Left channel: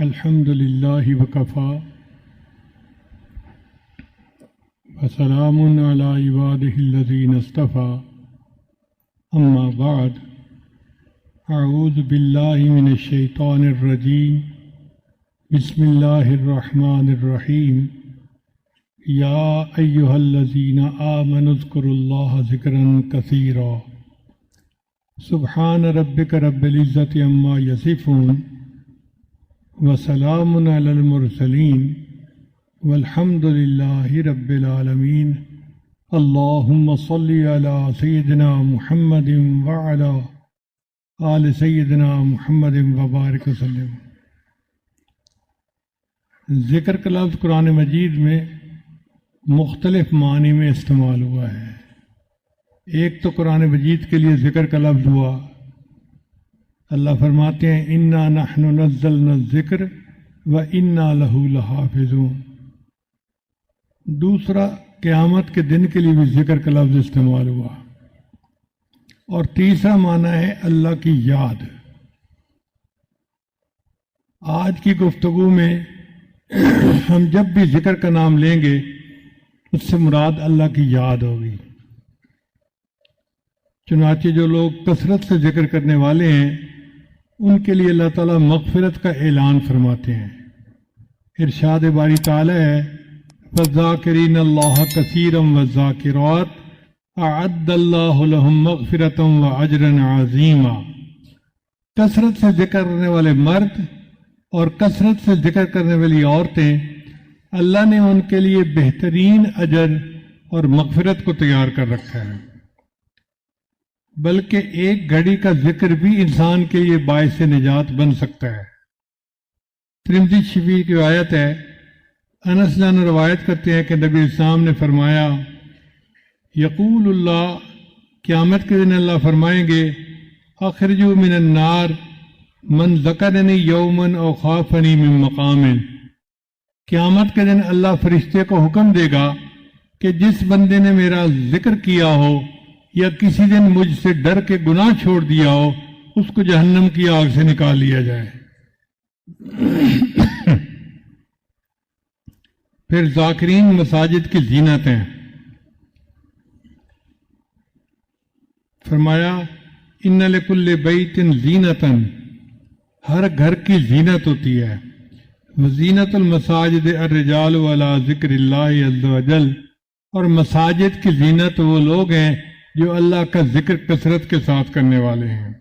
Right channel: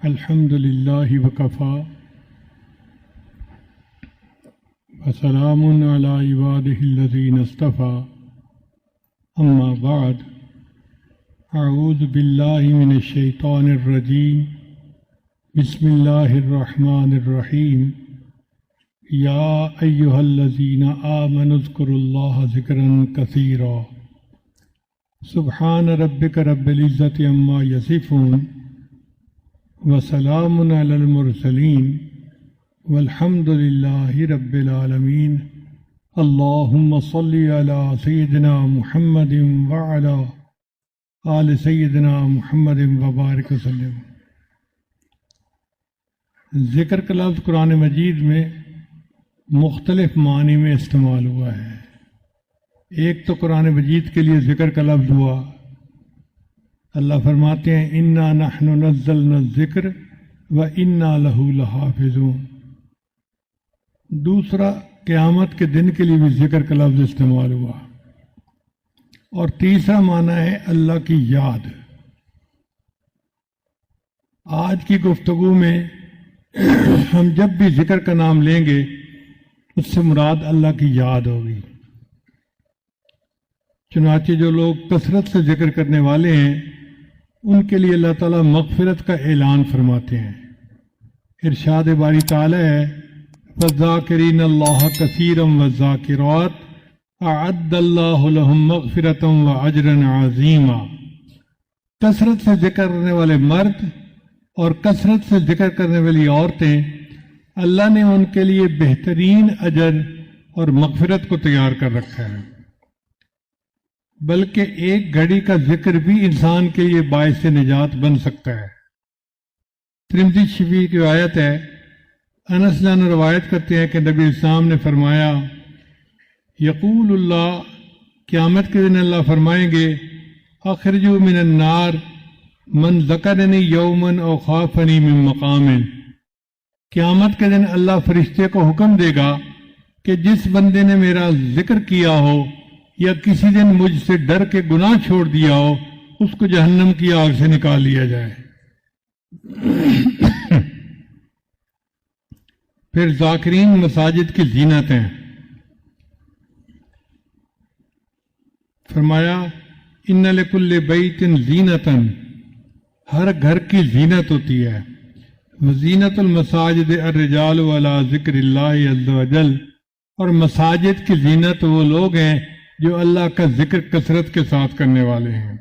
الحمد لله وكفى وسلام على عباده الذين اصطفى أما بعد أعوذ بالله من الشيطان الرجيم بسم الله الرحمن الرحيم يا أيها الذين آمنوا اذكروا الله ذكرا كثيرا سبحان ربك رب العزة عما يصفون وسلام على المرسلين والحمد لله رب العالمين اللهم صل على سيدنا محمد وعلى آل سيدنا محمد وبارك وسلم۔ ذکر کا لفظ قرآن مجید میں مختلف معنی میں استعمال ہوا ہے۔ ایک تو قرآن مجید کے لیے ذکر کا لفظ ہوا، اللہ فرماتے ہیں اِنَّا نَحْنُ نَزَّلْنَا الذِّكْرَ وَإِنَّا لَهُ لَحَافِظُونَ۔ دوسرا قیامت کے دن کے لیے بھی ذکر کا لفظ استعمال ہوا، اور تیسرا معنی ہے اللہ کی یاد۔ آج کی گفتگو میں ہم جب بھی ذکر کا نام لیں گے اس سے مراد اللہ کی یاد ہوگی۔ چنانچہ جو لوگ کثرت سے ذکر کرنے والے ہیں ان کے لیے اللہ تعالیٰ مغفرت کا اعلان فرماتے ہیں۔ ارشاد باری تعالیٰ ہے وَالذَّاكِرِينَ اللَّهَ كَثِيرًا وَالذَّاكِرَاتِ أَعَدَّ اللَّهُ لَهُمْ مَغْفِرَةً وَأَجْرًا عَظِيمًا۔ کثرت سے ذکر کرنے والے مرد اور کثرت سے ذکر کرنے والی عورتیں، اللہ نے ان کے لیے بہترین اجر اور مغفرت کو تیار کر رکھا ہے۔ بلکہ ایک گھڑی کا ذکر بھی انسان کے لیے باعث نجات بن سکتا ہے۔ ترمذی شریف کی روایت ہے، انس جان روایت کرتے ہیں کہ نبی اسلام نے فرمایا یقول اللہ، قیامت کے دن اللہ فرمائیں گے اخرجوا من النار من ذکرنی یوما او خافنی من مقام۔ قیامت کے دن اللہ فرشتے کو حکم دے گا کہ جس بندے نے میرا ذکر کیا ہو یا کسی نے مجھ سے ڈر کے گناہ چھوڑ دیا ہو اس کو جہنم کی آگ سے نکال لیا جائے۔ پھر ذاکرین مساجد کی زینت ہیں۔ فرمایا ان لکل بیت زینۃ، ہر گھر کی زینت ہوتی ہے۔ وزینت المساجد الرجال علی ذکر اللہ عز وجل، اور مساجد کی زینت وہ لوگ ہیں جو اللہ کا ذکر کثرت کے ساتھ کرنے والے ہیں۔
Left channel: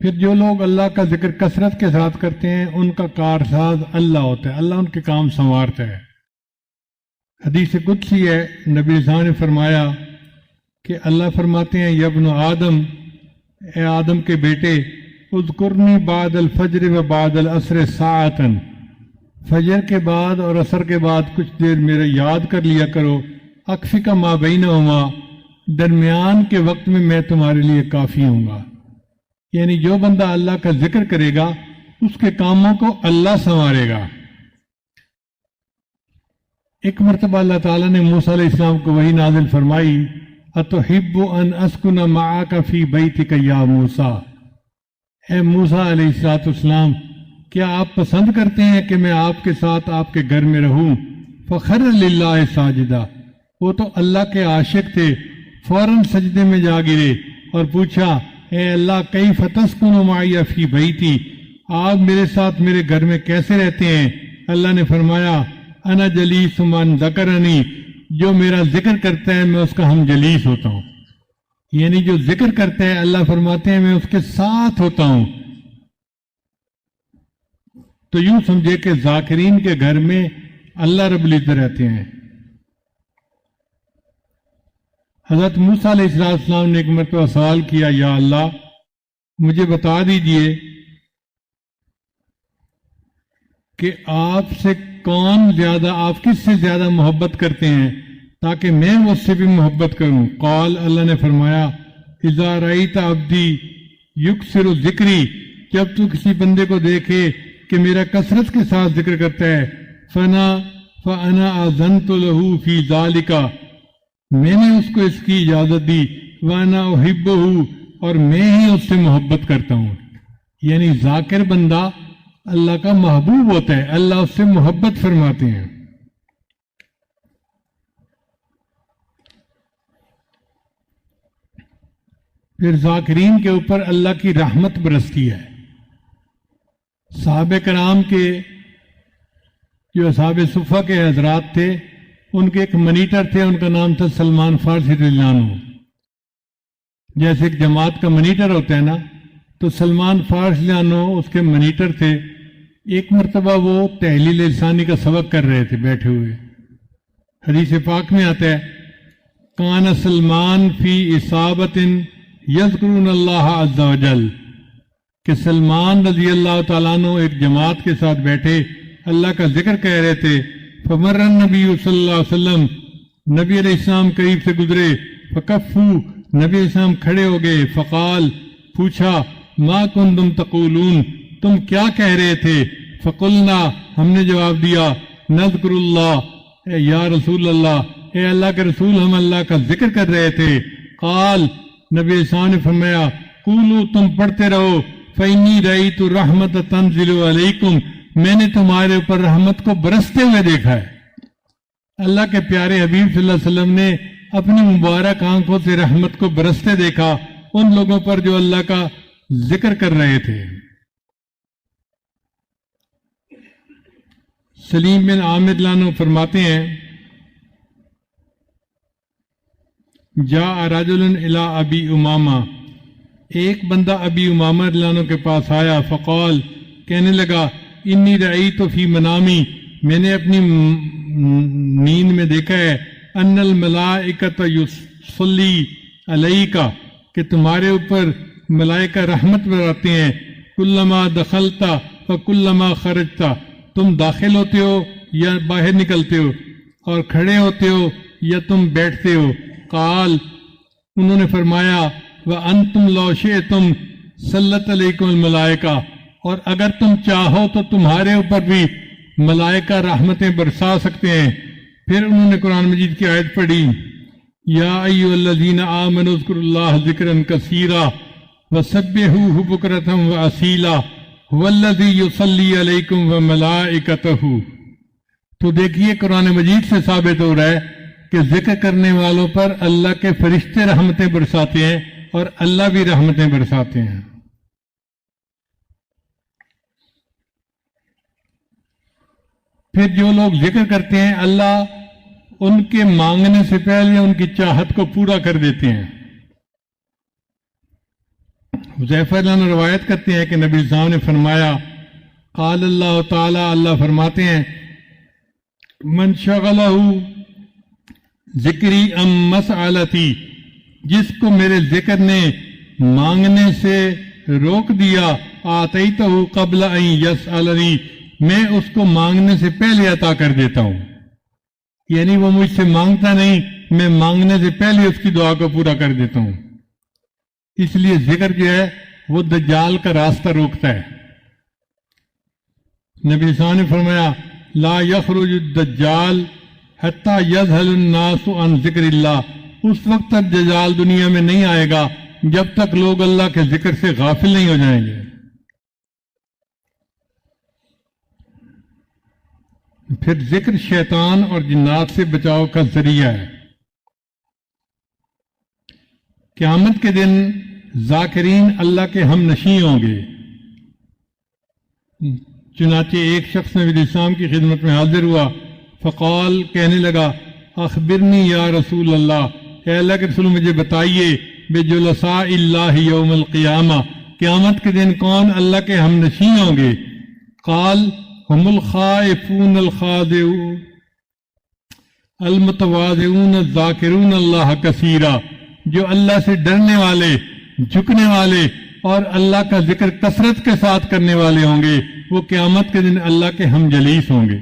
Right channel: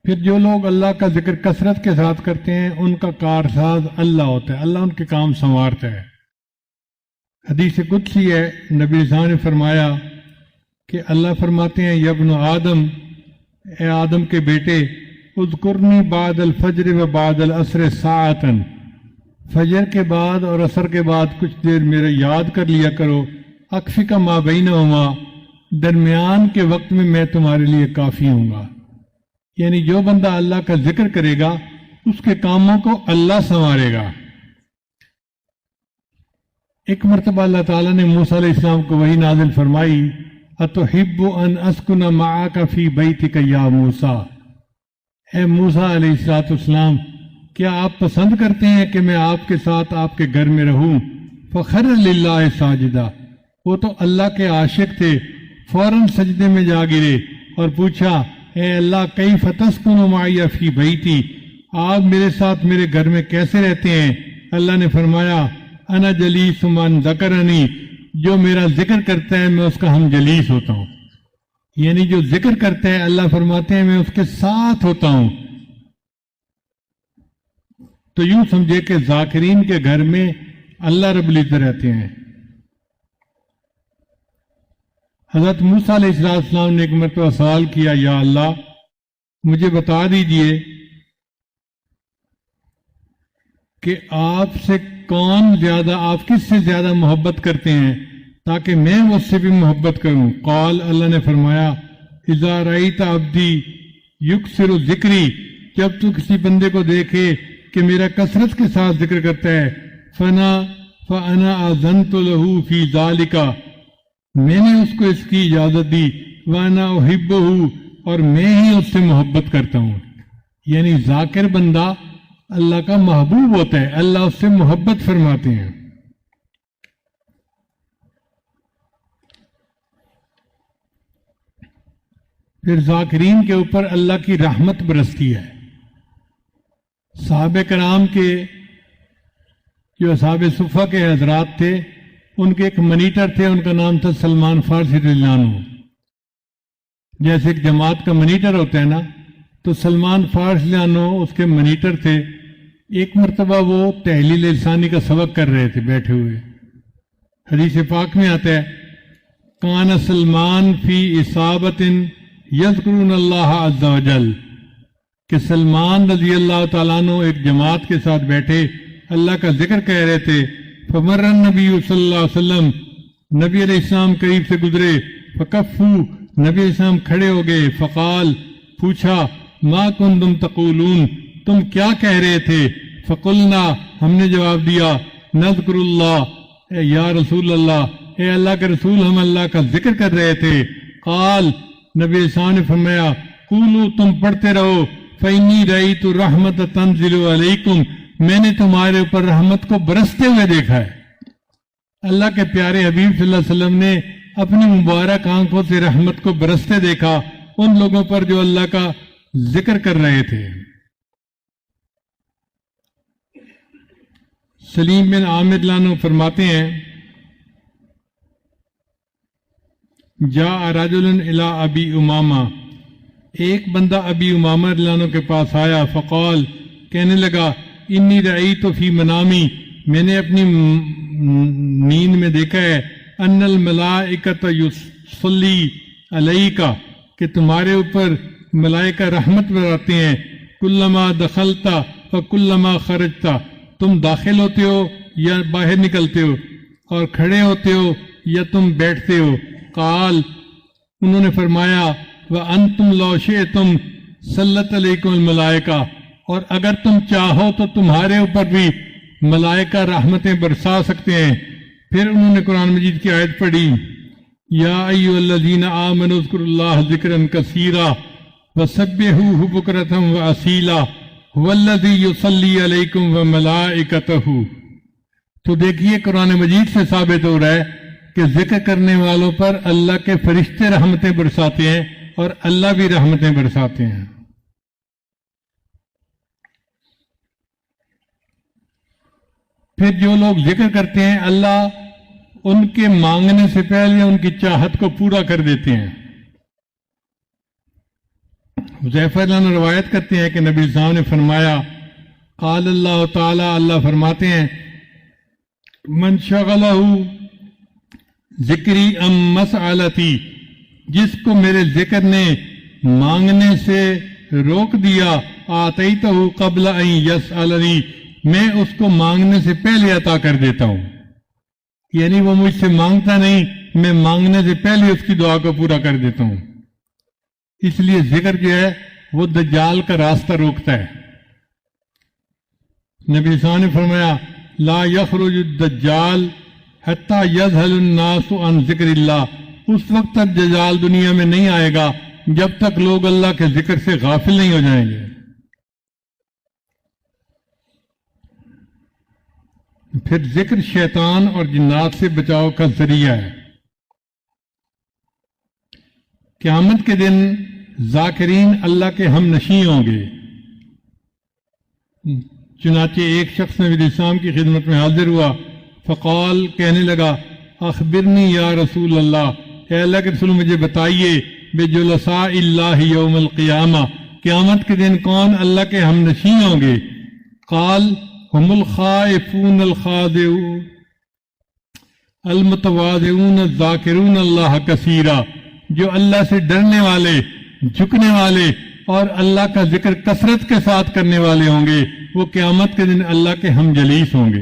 پھر جو لوگ اللہ کا ذکر کثرت کے ساتھ کرتے ہیں ان کا کارساز اللہ ہوتا ہے، اللہ ان کے کام سنوارتا ہے۔ حدیث قدسی ہے، نبی صاحب نے فرمایا کہ اللہ فرماتے ہیں یا ابن آدم، اے آدم کے بیٹے، اذکرنی بعد الفجر و بعد العصر ساعتاً، فجر کے بعد اور عصر کے بعد کچھ دیر میرے یاد کر لیا کرو، اکفی کا ما بینہما، درمیان کے وقت میں تمہارے لیے کافی ہوں گا۔ یعنی جو بندہ اللہ کا ذکر کرے گا اس کے کاموں کو اللہ سنوارے گا۔ ایک مرتبہ اللہ تعالیٰ نے موسیٰ علیہ السلام کو وحی نازل فرمائی اَتُحِبُّ أَنْ أَسْكُنَ مَعَكَ فِي بَيْتِكَ يَا موسیٰ، اے موسیٰ علیہ السلام، کیا آپ پسند کرتے ہیں کہ میں آپ کے ساتھ آپ کے گھر میں رہوں؟ فَخَرَّ لِلَّهِ سَاجِدًا، وہ تو اللہ کے عاشق تھے، فوراً سجدے میں جا گئے اور پوچھا اے اللہ کیف تسکن معی فی بیتی، آپ میرے ساتھ میرے گھر میں کیسے رہتے ہیں؟ اللہ نے فرمایا انا جلیس من ذکرنی، جو میرا ذکر کرتا ہے میں اس کا ہم جلیس ہوتا ہوں۔ یعنی جو ذکر کرتا ہے اللہ فرماتے ہیں میں اس کے ساتھ ہوتا ہوں۔ تو یوں سمجھے کہ ذاکرین کے گھر میں اللہ رب العزت رہتے ہیں۔ حضرت موسیٰ علیہ السلام نے ایک مرتبہ سوال کیا یا اللہ مجھے بتا دیجئے کہ آپ سے کون زیادہ، آپ کس سے زیادہ محبت کرتے ہیں تاکہ میں مجھ سے بھی محبت کروں۔ قال، اللہ نے فرمایا اذا رأیت عبدی یکثر ذکری، جب تو کسی بندے کو دیکھے کہ میرا کثرت کے ساتھ ذکر کرتا ہے، فَأَنَا أَذَنْتُ لَهُ فِي ذَلِكَ، میں نے اس کو اس کی اجازت دی، وَأَنَا أُحِبُّهُ، اور میں ہی اس سے محبت کرتا ہوں۔ یعنی ذاکر بندہ اللہ کا محبوب ہوتا ہے، اللہ اس سے محبت فرماتے ہیں۔ پھر ذاکرین کے اوپر اللہ کی رحمت برستی ہے۔ صحابہ کرام کے جو اصحاب صفہ کے حضرات تھے، ان کے ایک منیٹر تھے، ان کا نام تھا سلمان فارسی رضی اللہ عنہ۔ جیسے جماعت کا منیٹر ہوتا ہے نا، تو سلمان فارسی رضی اللہ عنہ اس کے منیٹر تھے۔ ایک مرتبہ وہ تحلیل لسانی کا سبق کر رہے تھے بیٹھے ہوئے۔ حدیث پاک میں آتا ہے کان سلمان فی اصابت یذکرون اللہ عز و جل، کہ سلمان رضی اللہ تعالیٰ عنہ ایک جماعت کے ساتھ بیٹھے اللہ کا ذکر کہہ رہے تھے۔ فمر النبی صلی اللہ علیہ وسلم، نبی علیہ السلام قریب سے گزرے، فکفو، نبی علیہ السلام کھڑے ہو گئے، فقال، پوچھا، ما کنتم تقولون، تم کیا کہہ رہے تھے؟ فقلنا، ہم نے جواب دیا، نذکر اللہ، اے یا رسول اللہ، اے اللہ کے رسول، ہم اللہ کا ذکر کر رہے تھے۔ قال، نبی علیہ السلام نے فرمایا، قولوا، تم پڑھتے رہو، فإنی رأیت الرحمت تنزل علیکم، میں نے تمہارے اوپر رحمت کو برستے ہوئے دیکھا ہے۔ اللہ کے پیارے حبیب صلی اللہ علیہ وسلم نے اپنی مبارک آنکھوں سے رحمت کو برستے دیکھا ان لوگوں پر جو اللہ کا ذکر کر رہے تھے۔ سلیم بن عامر رضی اللہ عنہ فرماتے ہیں جاء رجل الی ابی امامہ، ایک بندہ ابی امامہ رضی اللہ عنہ کے پاس آیا، فقال، کہنے لگا، انی رأیت فی منامی، میں نے اپنی نیند میں دیکھا ہے، ان الملائکۃ یصلی علیک، کہ تمہارے اوپر ملائکہ رحمت برساتے ہیں، کلما دخلت فکلما خرجت، تم داخل ہوتے ہو یا باہر نکلتے ہو، اور کھڑے ہوتے ہو یا تم بیٹھتے ہو۔ قال، انہوں نے فرمایا، وَأَنْتُمْ لَوْ شِئْتُمْ سَلَّتْ عَلَيْكُمُ الْمَلَائِكَةُ، اور اگر تم چاہو تو تمہارے اوپر بھی ملائکہ رحمتیں برسا سکتے ہیں۔ پھر انہوں نے قرآن مجید کی آیت پڑھی، یا ایھا الذین آمنوا اذکروا اللہ ذکرا کثیرا وسبحوہ بکرۃ وأصیلا ھو الذی یصلی علیکم وملائکتہ۔ تو دیکھیے قرآن مجید سے ثابت ہو رہا ہے کہ ذکر کرنے والوں پر اللہ کے فرشتے رحمتیں برساتے ہیں اور اللہ بھی رحمتیں برساتے ہیں۔ پھر جو لوگ ذکر کرتے ہیں اللہ ان کے مانگنے سے پہلے ان کی چاہت کو پورا کر دیتے ہیں۔ حذیفہ رضی اللہ عنہ روایت کرتے ہیں کہ نبی صلی اللہ علیہ وسلم نے فرمایا، قال اللہ تعالی، اللہ فرماتے ہیں، من شغلہ ذکری ام مسألتی، جس کو میرے ذکر نے مانگنے سے روک دیا، آتیتہ قبل ان یسألنی، میں اس کو مانگنے سے پہلے عطا کر دیتا ہوں۔ یعنی وہ مجھ سے مانگتا نہیں، میں مانگنے سے پہلے اس کی دعا کو پورا کر دیتا ہوں۔ اس لیے ذکر جو ہے وہ دجال کا راستہ روکتا ہے۔ نبی صلی اللہ علیہ وسلم نے فرمایا، لا یخرج الدجال حتی یذہل الناس عن ذکر اللہ، اس وقت تک دجال دنیا میں نہیں آئے گا جب تک لوگ اللہ کے ذکر سے غافل نہیں ہو جائیں گے۔ پھر ذکر شیطان اور جنات سے بچاؤ کا ذریعہ ہے۔ قیامت کے دن ذاکرین اللہ کے ہم نشین ہوں گے۔ چنانچہ ایک شخص نبی علیہ السلام کی خدمت میں حاضر ہوا، فقال، کہنے لگا، اخبرنی یا رسول اللہ، اے اللہ کے رسول مجھے بتائیے، بجلساء اللہ یوم القیامہ، قیامت کے دن کون اللہ کے ہم نشین ہوں گے؟ قال، ہم الخائفون الخاضعون المتواضعون الذاکرون اللہ کثیرا، جو اللہ سے ڈرنے والے، جھکنے والے اور اللہ کا ذکر کثرت کے ساتھ کرنے والے ہوں گے، وہ قیامت کے دن اللہ کے ہم جلیس ہوں گے۔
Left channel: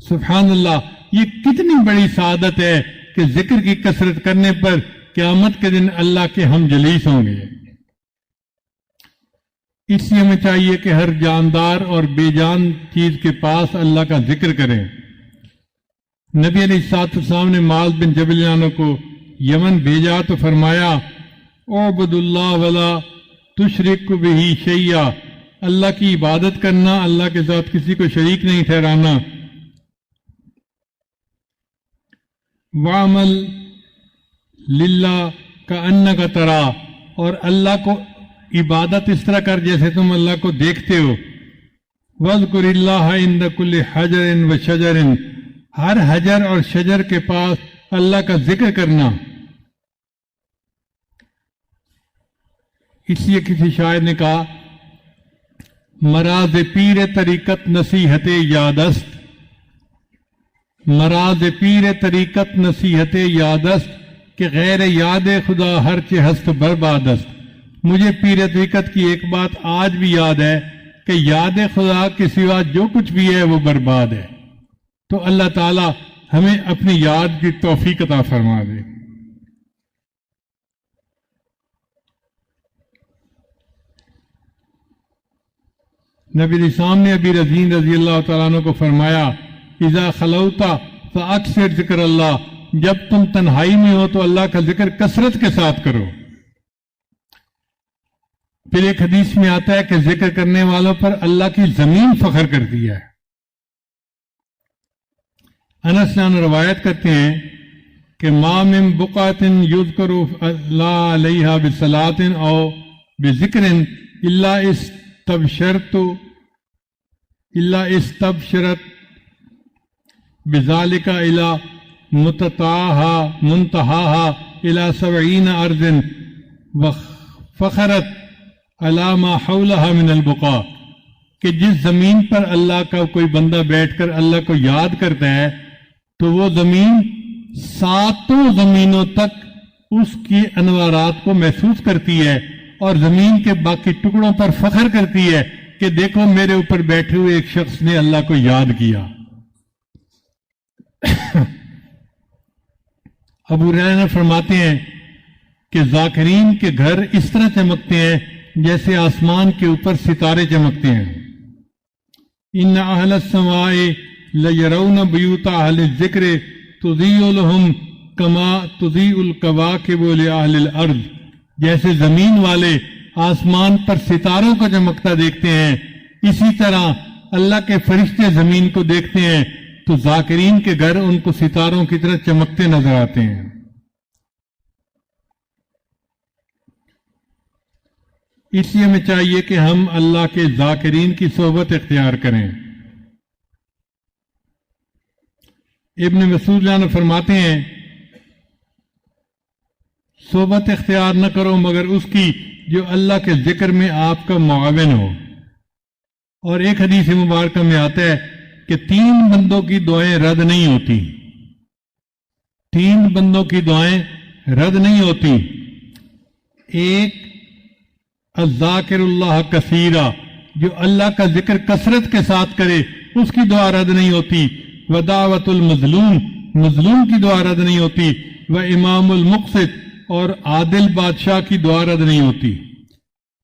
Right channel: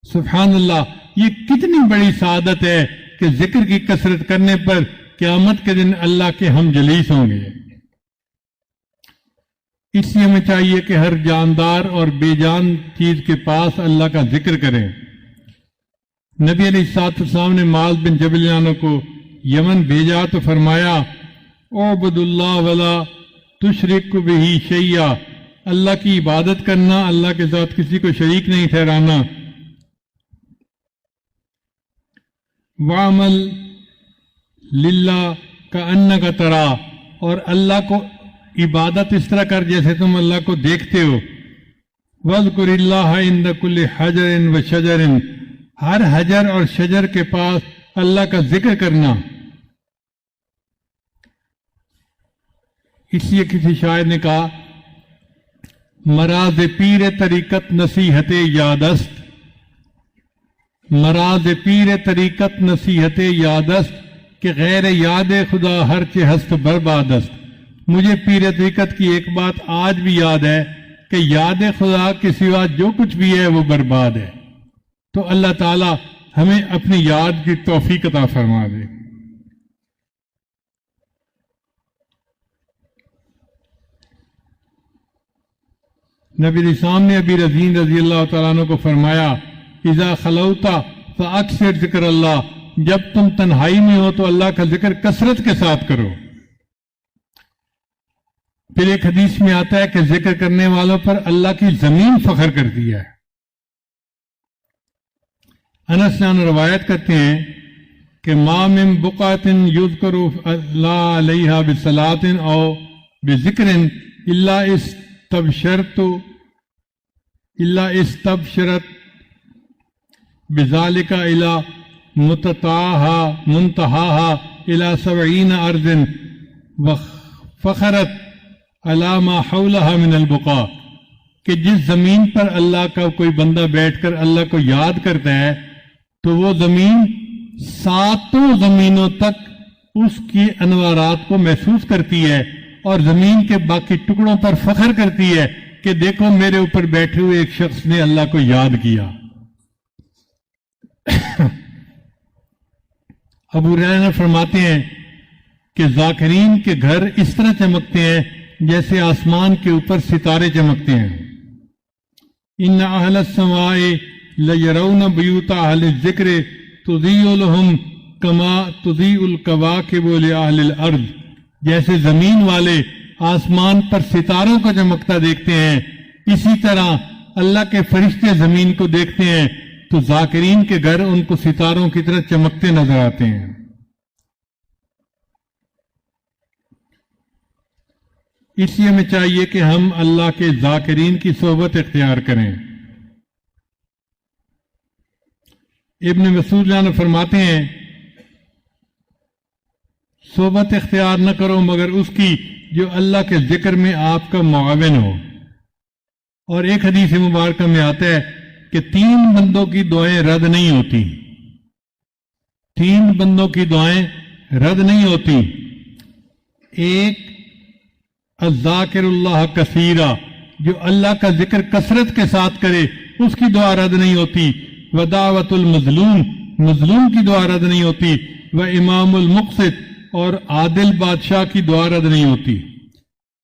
سبحان اللہ، یہ کتنی بڑی سعادت ہے کہ ذکر کی کثرت کرنے پر قیامت کے دن اللہ کے ہم جلیس ہوں گے۔ اس لیے ہمیں چاہیے کہ ہر جاندار اور بے جان چیز کے پاس اللہ کا ذکر کریں۔ نبی علیہ السلام نے معاذ بن جبل عنہ کو یمن بھیجا تو فرمایا اعبد اللہ ولا تشرک بہ شیئا، اللہ کی عبادت کرنا، اللہ کے ساتھ کسی کو شریک نہیں ٹھہرانا، وعمل للہ کأنک ترا، اور اللہ کو عبادت اس طرح کر جیسے تم اللہ کو دیکھتے ہو، وَاذْكُرِ اللَّهَ عِنْدَ كُلِّ حَجَرٍ وَشَجَرٍ، ہر حجر اور شجر کے پاس اللہ کا ذکر کرنا۔ اس لیے کسی شاعر نے کہا مراز پیر طریقت نصیحت یادست، مراز پیر طریقت نصیحت یادست کہ غیر یاد خدا ہر کے ہست بربادست۔ مجھے پیر طریقت کی ایک بات آج بھی یاد ہے کہ یاد خدا کے سوا جو کچھ بھی ہے وہ برباد ہے۔ تو اللہ تعالی ہمیں اپنی یاد کی توفیق عطا فرما دے۔ نبی اسلام نے ابی رضین رضی اللہ تعالیٰ عنہ کو فرمایا اذا خلوتا فاکثر ذکر اللہ، جب تم تنہائی میں ہو تو اللہ کا ذکر کثرت کے ساتھ کرو۔ پھر ایک حدیث میں آتا ہے کہ ذکر کرنے والوں پر اللہ کی زمین فخر کرتی ہے۔ انس روایت کرتے ہیں کہ ما من بقعۃ یذکر اللہ علیہا بصلاۃ او بذکر الا استبشرت بذالک الی منتہاہا الی 70 ارض وفخرت علی ما حولہا من البقاع، کہ جس زمین پر اللہ کا کوئی بندہ بیٹھ کر اللہ کو یاد کرتا ہے تو وہ زمین 7 زمینوں تک اس کی انوارات کو محسوس کرتی ہے اور زمین کے باقی ٹکڑوں پر فخر کرتی ہے کہ دیکھو میرے اوپر بیٹھے ہوئے ایک شخص نے اللہ کو یاد کیا۔ ابو ہریرہ فرماتے ہیں کہ ذاکرین کے گھر اس طرح چمکتے ہیں جیسے آسمان کے اوپر ستارے چمکتے ہیں۔ ان اہل السماء لیرون بیوت اہل الذکر تضیء لهم کما تضیء الکواکب لأہل الارض، جیسے زمین والے آسمان پر ستاروں کا چمکتا دیکھتے ہیں، اسی طرح اللہ کے فرشتے زمین کو دیکھتے ہیں تو ذاکرین کے گھر ان کو ستاروں کی طرح چمکتے نظر آتے ہیں۔ اس لیے ہمیں چاہیے کہ ہم اللہ کے ذاکرین کی صحبت اختیار کریں۔ ابن مسعود جان فرماتے ہیں صحبت اختیار نہ کرو مگر اس کی جو اللہ کے ذکر میں آپ کا معاون ہو۔ اور ایک حدیث مبارکہ میں آتا ہے کہ 3 بندوں کی دعائیں رد نہیں ہوتی، 3 بندوں کی دعائیں رد نہیں ہوتی۔ ایک الذاکر اللہ کثیرا، جو اللہ کا ذکر کثرت کے ساتھ کرے اس کی دعا رد نہیں ہوتی۔ ودعوت المظلوم، مظلوم کی دعا رد نہیں ہوتی۔ وامام المقسط، اور عادل بادشاہ کی دعا رد نہیں ہوتی۔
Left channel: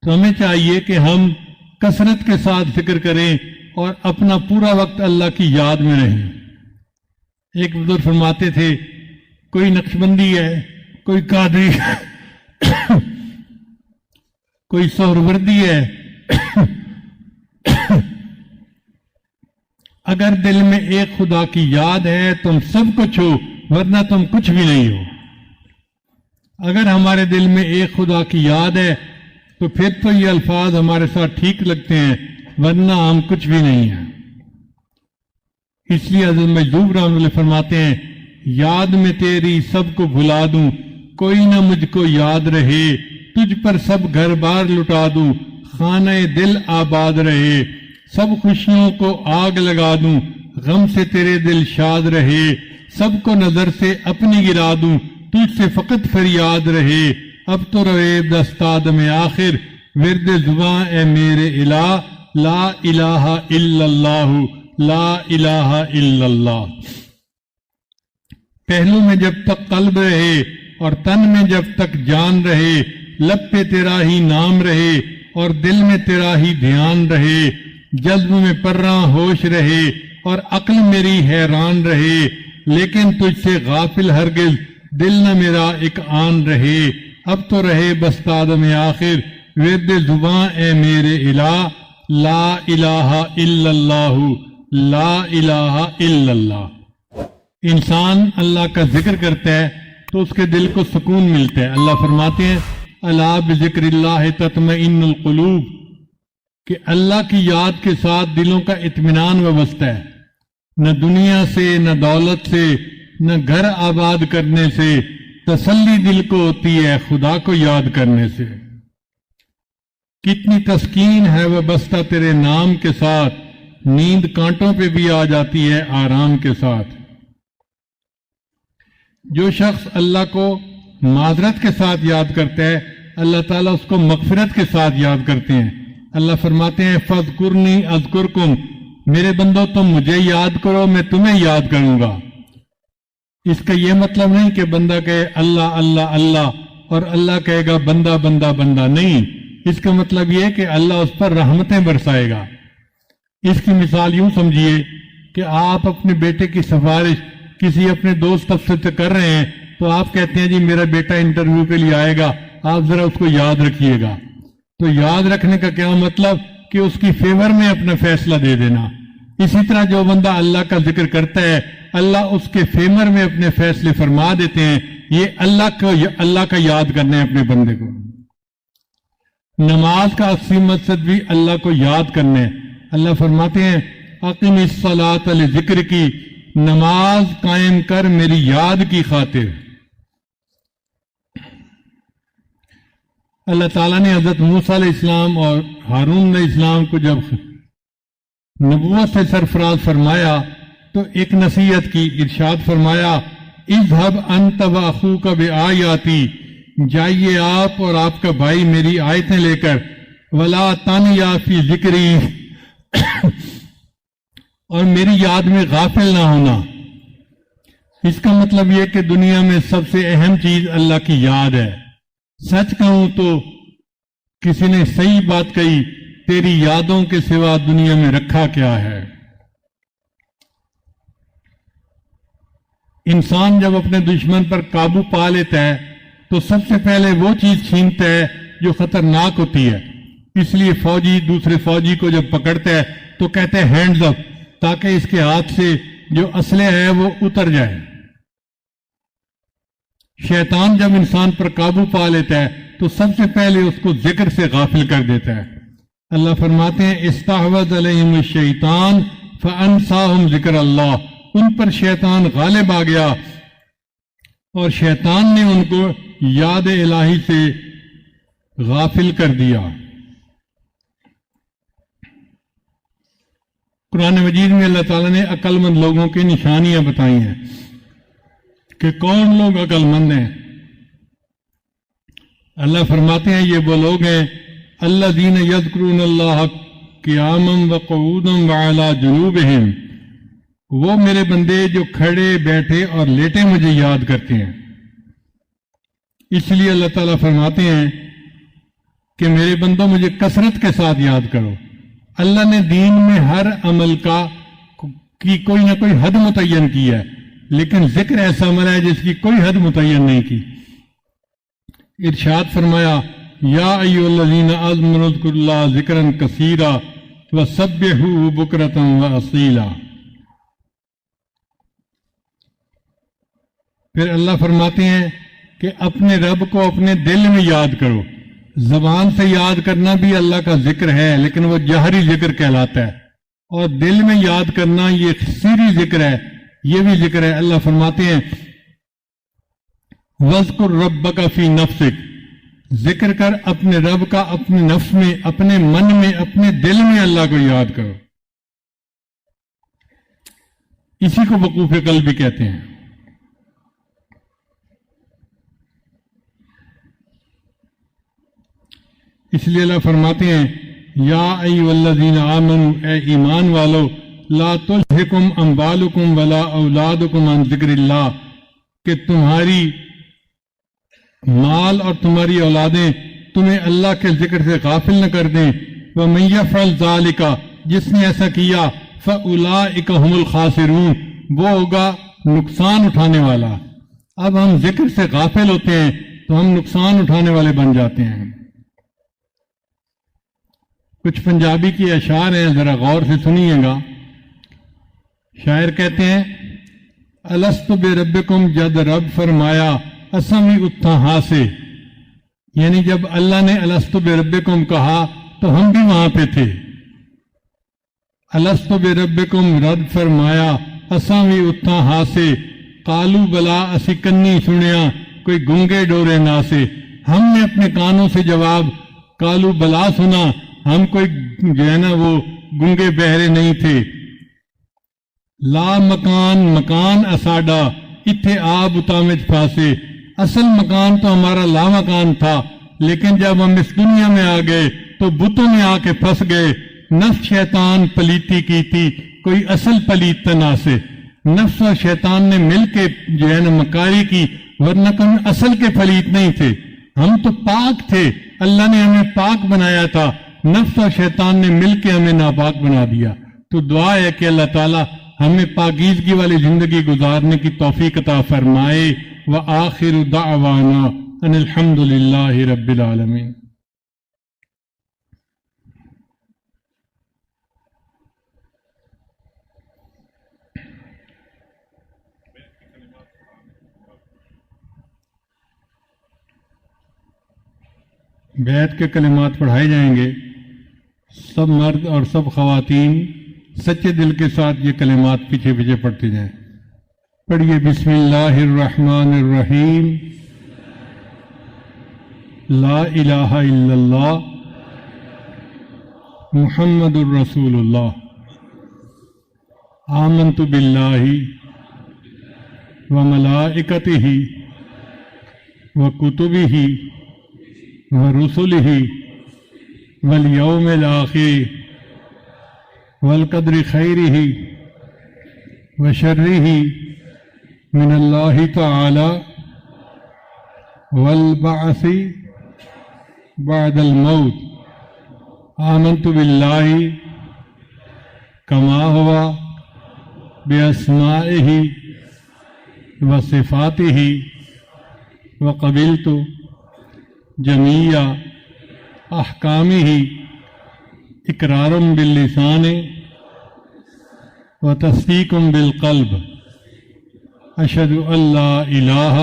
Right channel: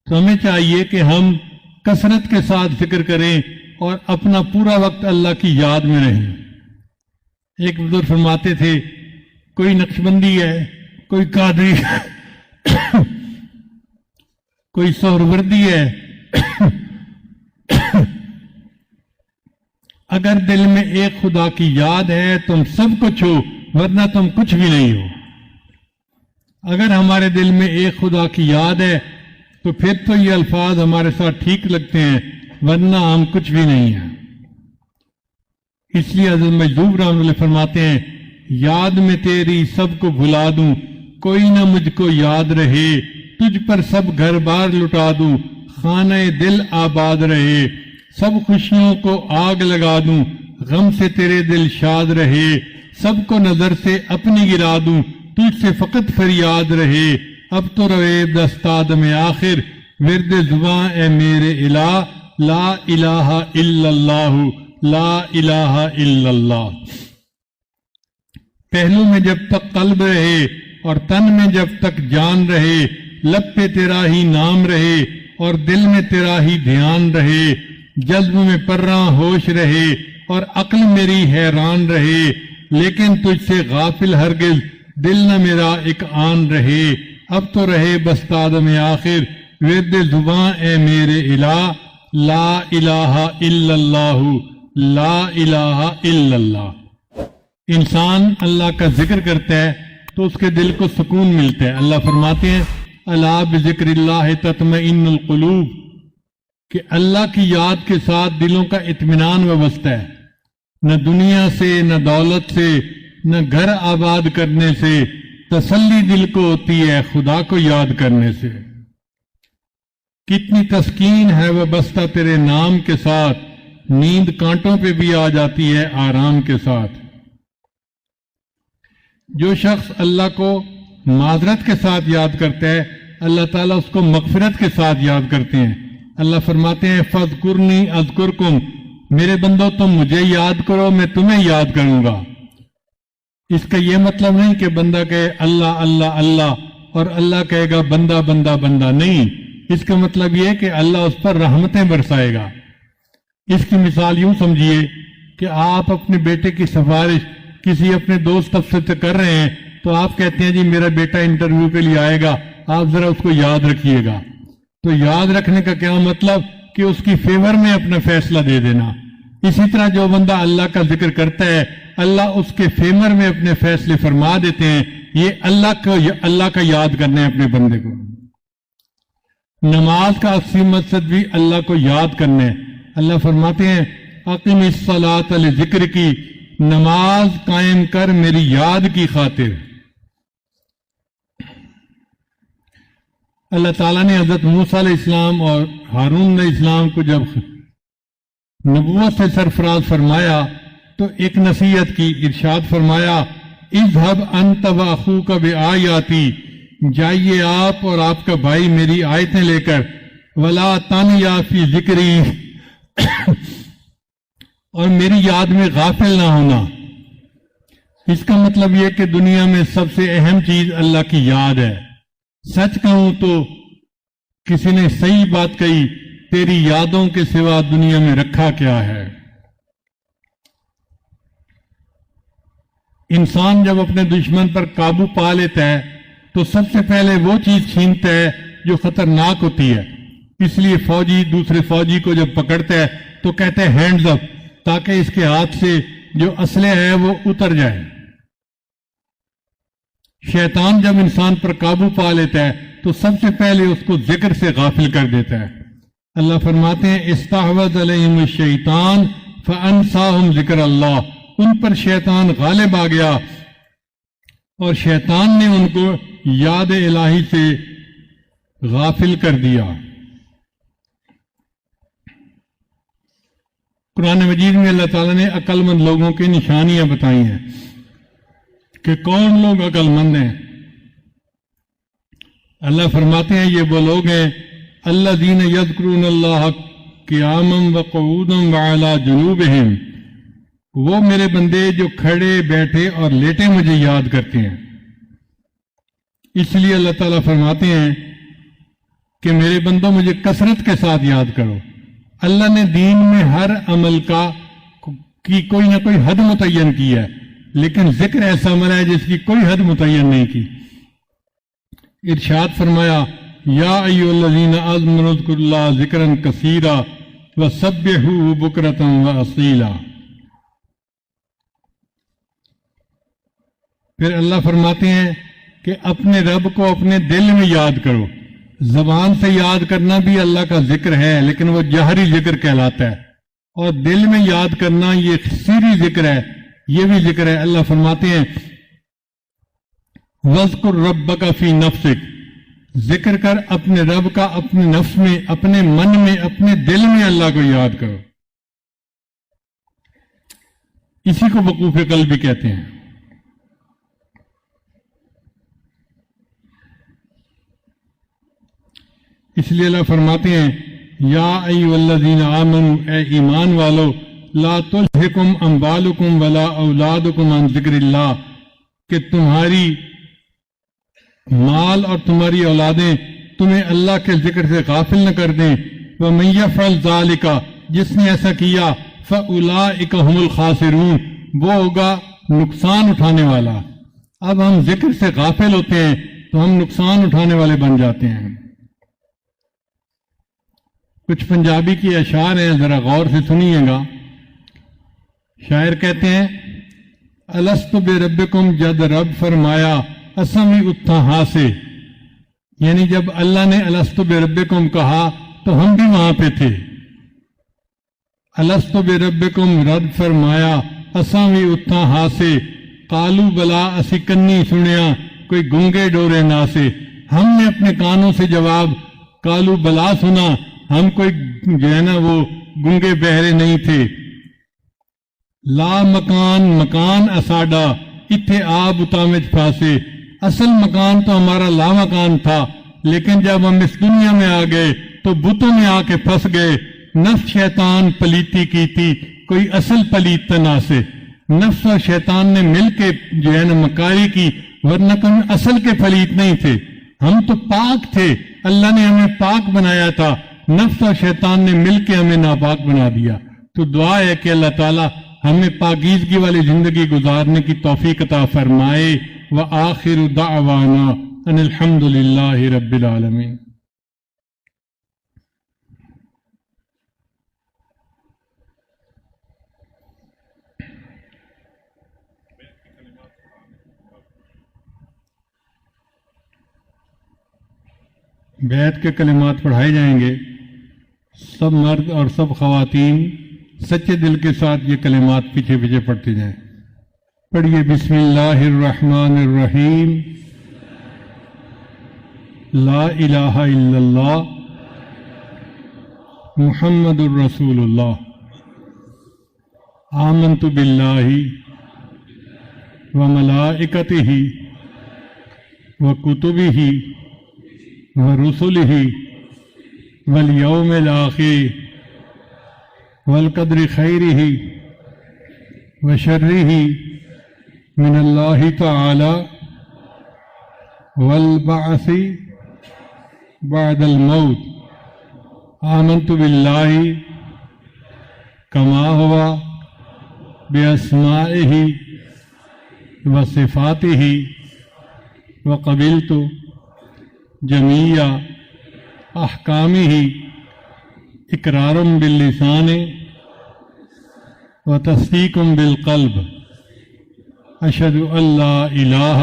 تو ہمیں چاہیے کہ ہم کثرت کے ساتھ ذکر کریں اور اپنا پورا وقت اللہ کی یاد میں رہیں۔ ایک بزرگ فرماتے تھے کوئی نقشبندی ہے، کوئی قادری ہے، کوئی سہروردی ہے، اگر دل میں ایک خدا کی یاد ہے تم سب کچھ ہو، ورنہ تم کچھ بھی نہیں ہو۔ اگر ہمارے دل میں ایک خدا کی یاد ہے تو پھر تو یہ الفاظ ہمارے ساتھ ٹھیک لگتے ہیں، ورنہ ہم کچھ بھی نہیں ہیں۔ اس لیے حضرت مجذوب رحمۃ اللہ فرماتے ہیں یاد میں تیری سب کو بھلا دوں، کوئی نہ مجھ کو یاد رہے، تجھ پر سب گھر بار لٹا دوں، خانہ دل آباد رہے، سب خوشیوں کو آگ لگا دوں، غم سے تیرے دل شاد رہے، سب کو نظر سے اپنی گرا دوں، تجھ سے فقط فریاد رہے، اب تو رہے دستاد میں آخر، ورد زباں اے میرے الہ، لا الہ الا اللہ، لا الہ الا اللہ۔ پہلو میں جب تک قلب رہے اور تن میں جب تک جان رہے، لب پہ تیرا ہی نام رہے اور دل میں تیرا ہی دھیان رہے، جذب میں پرراں ہوش رہے اور عقل میری حیران رہے، لیکن تجھ سے غافل ہرگز دل نہ میرا ایک آن رہے. اب تو رہے بس تادم آخر ورد زباں اے میرے الہ، لا الہ الا اللہ، لا الہ الا اللہ. انسان اللہ کا ذکر کرتا ہے تو اس کے دل کو سکون ملتا ہے. اللہ فرماتے ہیں الا بذکر اللہ تطمئن القلوب، کہ اللہ کی یاد کے ساتھ دلوں کا اطمینان وابستہ ہے. نہ دنیا سے، نہ دولت سے، نہ گھر آباد کرنے سے تسلی دل کو ہوتی ہے، خدا کو یاد کرنے سے. کتنی تسکین ہے وابستہ تیرے نام کے ساتھ، نیند کانٹوں پہ بھی آ جاتی ہے آرام کے ساتھ. جو شخص اللہ کو معذرت کے ساتھ یاد کرتا ہے، اللہ تعالیٰ اس کو مغفرت کے ساتھ یاد کرتے ہیں. اللہ فرماتے ہیں فاذکرنی اذکرکم، میرے بندو تم مجھے یاد کرو میں تمہیں یاد کروں گا. اس کا یہ مطلب نہیں کہ بندہ کہے اللہ اللہ اللہ اور اللہ کہے گا بندہ بندہ بندہ، نہیں. اس کا مطلب یہ کہ اللہ اس پر رحمتیں برسائے گا. اس کی مثال یوں سمجھیے کہ آپ اپنے بیٹے کی سفارش کسی اپنے دوست افسر سے کر رہے ہیں تو آپ کہتے ہیں جی میرا بیٹا انٹرویو کے لیے آئے گا، آپ ذرا اس کو یاد رکھیے گا. تو یاد رکھنے کا کیا مطلب کہ اس کی فیور میں اپنا فیصلہ دے دینا. اسی طرح جو بندہ اللہ کا ذکر کرتا ہے اللہ اس کے فیور میں اپنے فیصلے فرما دیتے ہیں. یہ اللہ کا یاد کرنا ہے اپنے بندے کو. نماز کا اصلی مقصد بھی اللہ کو یاد کرنا ہے. اللہ فرماتے ہیں اقم الصلاۃ لذکر کی، نماز قائم کر میری یاد کی خاطر. اللہ تعالیٰ نے حضرت موسیٰ علیہ السلام اور ہارون علیہ السلام کو جب نبوت سے سرفراز فرمایا تو ایک نصیحت کی. ارشاد فرمایا اذهب انت واخوک بآیاتی، جائیے آپ اور آپ کا بھائی میری آیتیں لے کر، ولا تانیا فی ذکری، اور میری یاد میں غافل نہ ہونا. اس کا مطلب یہ کہ دنیا میں سب سے اہم چیز اللہ کی یاد ہے. سچ کہوں تو کسی نے صحیح بات کہی، تیری یادوں کے سوا دنیا میں رکھا کیا ہے. انسان جب اپنے دشمن پر قابو پا لیتا ہے تو سب سے پہلے وہ چیز چھینتا ہے جو خطرناک ہوتی ہے. اس لیے فوجی دوسرے فوجی کو جب پکڑتا ہے تو کہتے ہیں ہینڈز اپ، تاکہ اس کے ہاتھ سے جو اسلحہ ہے وہ اتر جائے. شیطان جب انسان پر قابو پا لیتا ہے تو سب سے پہلے اس کو ذکر سے غافل کر دیتا ہے. اللہ فرماتے ہیں استحوذ علیہم الشیطان فانساہم ذکر اللہ، ان پر شیطان غالب آ گیا اور شیطان نے ان کو یاد الہی سے غافل کر دیا. قرآن مجید میں اللہ تعالیٰ نے عقل مند لوگوں کی نشانیاں بتائی ہیں کہ کون لوگ عقل مند ہیں. اللہ فرماتے ہیں یہ وہ لوگ ہیں الذین یذکرون اللہ قیاما وقعودا وعلی جنوبہم، وہ میرے بندے جو کھڑے بیٹھے اور لیٹے مجھے یاد کرتے ہیں. اس لیے اللہ تعالیٰ فرماتے ہیں کہ میرے بندوں مجھے کثرت کے ساتھ یاد کرو. اللہ نے دین میں ہر عمل کی کوئی نہ کوئی حد متعین کی ہے، لیکن ذکر ایسا عمل ہے جس کی کوئی حد متعین نہیں کی. ارشاد فرمایا یا ایھا الذین آمنوا اذکروا اللہ ذکرا کثیرا وسبحوہ بکرۃ واصیلا. پھر اللہ فرماتے ہیں کہ اپنے رب کو اپنے دل میں یاد کرو. زبان سے یاد کرنا بھی اللہ کا ذکر ہے لیکن وہ جہری ذکر کہلاتا ہے، اور دل میں یاد کرنا یہ سری ذکر ہے، یہ بھی ذکر ہے. اللہ فرماتے ہیں وَاذْكُرْ رَبَّكَ فِي نَفْسِكَ، ذکر کر اپنے رب کا اپنے نفس میں، اپنے من میں، اپنے دل میں اللہ کو یاد کرو. اسی کو وقوف قلب بھی کہتے ہیں. اس لیے اللہ فرماتے ہیں یا ایھا الذین آمنوا، اے ایمان والو، لا تلہکم اموالکم ولا اولادکم عن ذکر اللہ، کہ تمہاری مال اور تمہاری اولادیں تمہیں اللہ کے ذکر سے غافل نہ کر دیں. وَمَن يَفْعَلْ ذَلِكَ، جس نے ایسا کیا، فَأُولَٰئِكَ هُمُ الْخَاسِرُونَ، وہ ہوگا نقصان اٹھانے والا۔ اب ہم ذکر سے غافل ہوتے ہیں تو ہم نقصان اٹھانے والے بن جاتے ہیں۔ کچھ پنجابی کی اشعار ہیں، ذرا غور سے سنیے گا۔ شاعر کہتے ہیں الست بربکم، جد رب فرمایا اساں بھی اتھا ہاں سے، یعنی جب اللہ نے الست بربکم کہا تو ہم بھی وہاں پہ تھے۔ الست بربکم، رب فرمایا اساں بھی اتھا ہاں سے، قالو بلا اسی کنی سنیا کوئی گونگے ڈورے نہ سے۔ ہم نے اپنے کانوں سے جواب قالو بلا سنا، ہم کوئی جو ہے نا وہ گونگے بہرے نہیں تھے۔ لا مکان، مکان اساڈا اتھے آب اتامت پاسے، اصل مکان تو ہمارا لا مکان تھا، لیکن جب ہم اس دنیا میں آ گئے تو بتوں میں آ کے پھنس گئے۔ نفس شیطان پلیتی کی تھی، کوئی اصل پلیت نہ سے۔ نفس اور شیطان نے مل کے جو ہے نا مکاری کی، ورنہ تو ہم اصل کے پلیت نہیں تھے، ہم تو پاک تھے۔ اللہ نے ہمیں پاک بنایا تھا، نفس اور شیطان نے مل کے ہمیں ناپاک بنا دیا۔ تو دعا ہے کہ اللہ تعالیٰ ہمیں پاکیزگی والی زندگی گزارنے کی توفیق عطا فرمائے۔ وآخر دعوانا ان الحمد للہ رب العالمین۔ بیعت کے کلمات پڑھائے جائیں گے، سب مرد اور سب خواتین سچے دل کے ساتھ یہ کلمات پیچھے پیچھے پڑھتے جائیں۔ پڑھیے بسم اللہ الرحمن الرحیم، لا الہ الا اللہ محمد الرسول اللہ، آمنت باللہ وملائکتہ وکتبہ ورسلہ والیوم الآخر والقدر خیرہ وشرہ من اللہ تعالی والبعث بعد الموت، آمنت باللہ کما ہوا باسمائہ وصفاتہ وقبلت جمیع احکامہ اقرار باللسان وتصدیق بالقلب، اشہد ان لا الہ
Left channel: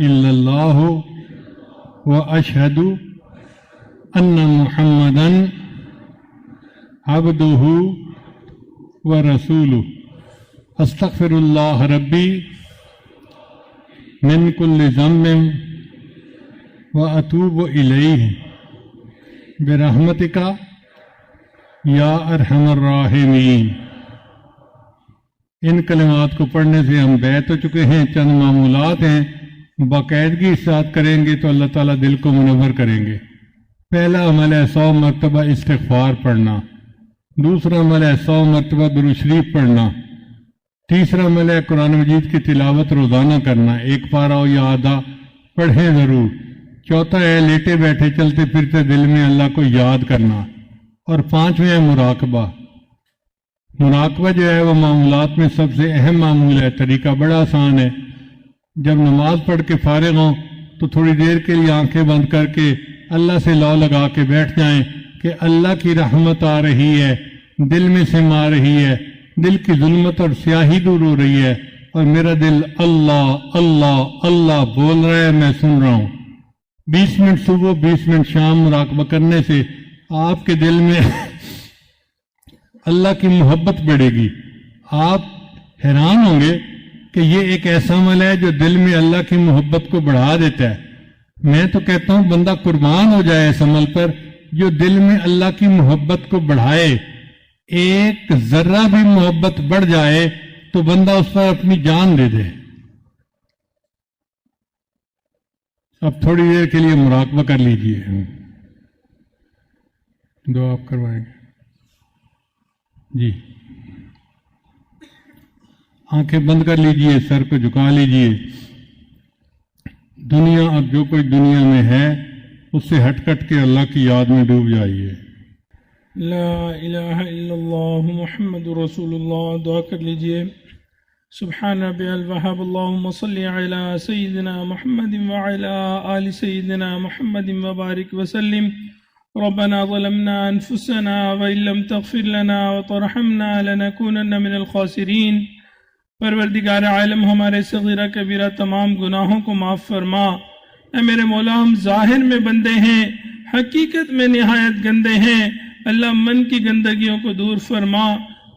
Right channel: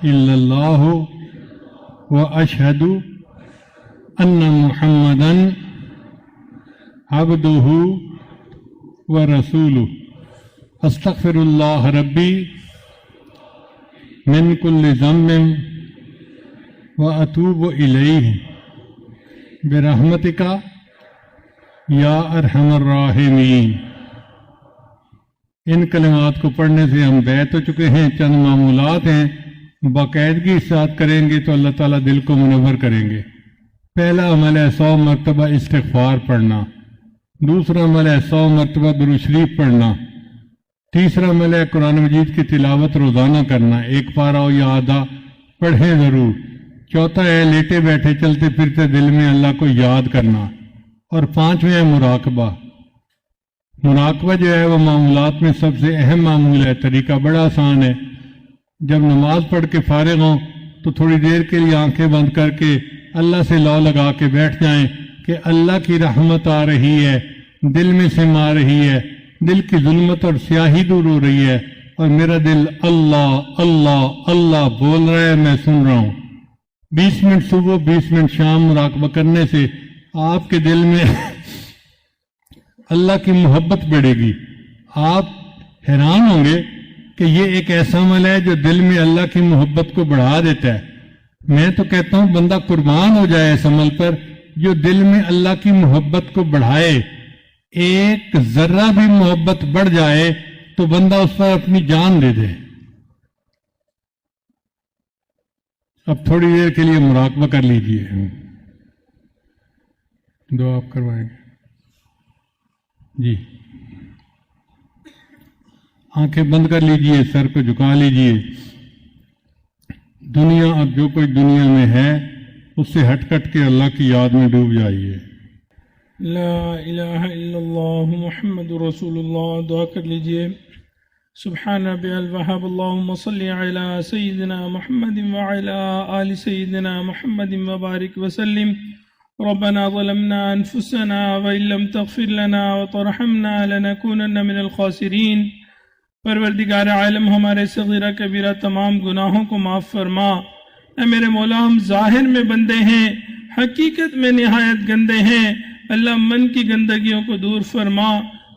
الا اللہ واشہد ان محمدا عبدہ ورسولہ، استغفر اللہ ربی من کل ذنب واتوب الیہ برحمتک یا ارحم الراحمین۔ ان کلمات کو پڑھنے سے ہم بیعت ہو چکے ہیں، چند معمولات ہیں، باقاعدگی کے ساتھ کریں گے تو اللہ تعالیٰ دل کو منور کریں گے۔ پہلا عمل ہے 100 مرتبہ استغفار پڑھنا، دوسرا عمل ہے 100 مرتبہ درود شریف پڑھنا، تیسرا عمل ہے قرآن مجید کی تلاوت روزانہ کرنا، ایک پارہ ہو یا آدھا پڑھے ضرور، چوتھا ہے لیٹے بیٹھے چلتے پھرتے دل میں اللہ کو یاد کرنا، اور پانچویں ہے مراقبہ۔ مراقبہ جو ہے وہ معاملات میں سب سے اہم معمول ہے، طریقہ بڑا آسان ہے۔ جب نماز پڑھ کے فارغ ہوں تو تھوڑی دیر کے لیے آنکھیں بند کر کے اللہ سے لا لگا کے بیٹھ جائیں کہ اللہ کی رحمت آ رہی ہے، دل میں سما رہی ہے، دل کی ظلمت اور سیاہی دور ہو رہی ہے، اور میرا دل اللہ اللہ اللہ بول رہا ہے، میں سن رہا ہوں۔ 20 منٹ صبح 20 منٹ شام مراقبہ کرنے سے آپ کے دل میں اللہ کی محبت بڑھے گی۔ آپ حیران ہوں گے کہ یہ ایک ایسا عمل ہے جو دل میں اللہ کی محبت کو بڑھا دیتا ہے۔ میں تو کہتا ہوں بندہ قربان ہو جائے اس عمل پر جو دل میں اللہ کی محبت کو بڑھائے۔ ایک ذرہ بھی محبت بڑھ جائے تو بندہ اس پر اپنی جان دے دے۔ اب تھوڑی دیر کے لیے مراقبہ کر لیجیے، دعا کروائیں جی، آنکھیں بند کر لیجیے، سر کو جھکا لیجیے۔ دنیا اب جو کوئی دنیا میں ہے اس سے ہٹ کٹ کے اللہ کی یاد میں ڈوب جائیے۔ لا الہ الا اللہ محمد رسول اللہ. دعا کر لیجئے. سبحان ربی الوہاب. اللہم صلی علی سیدنا محمد وعلی آل سیدنا محمد وبارک وسلم. ربنا ظلمنا انفسنا وإن لم تغفر لنا وترحمنا لنكونن من الخاسرین. پروردگار عالم ہمارے صغیرہ کبیرہ تمام گناہوں کو معاف فرما. اے میرے مولا ہم ظاہر میں بندے ہیں، حقیقت میں نہایت گندے ہیں. اللہ من کی گندگیوں کو دور فرما.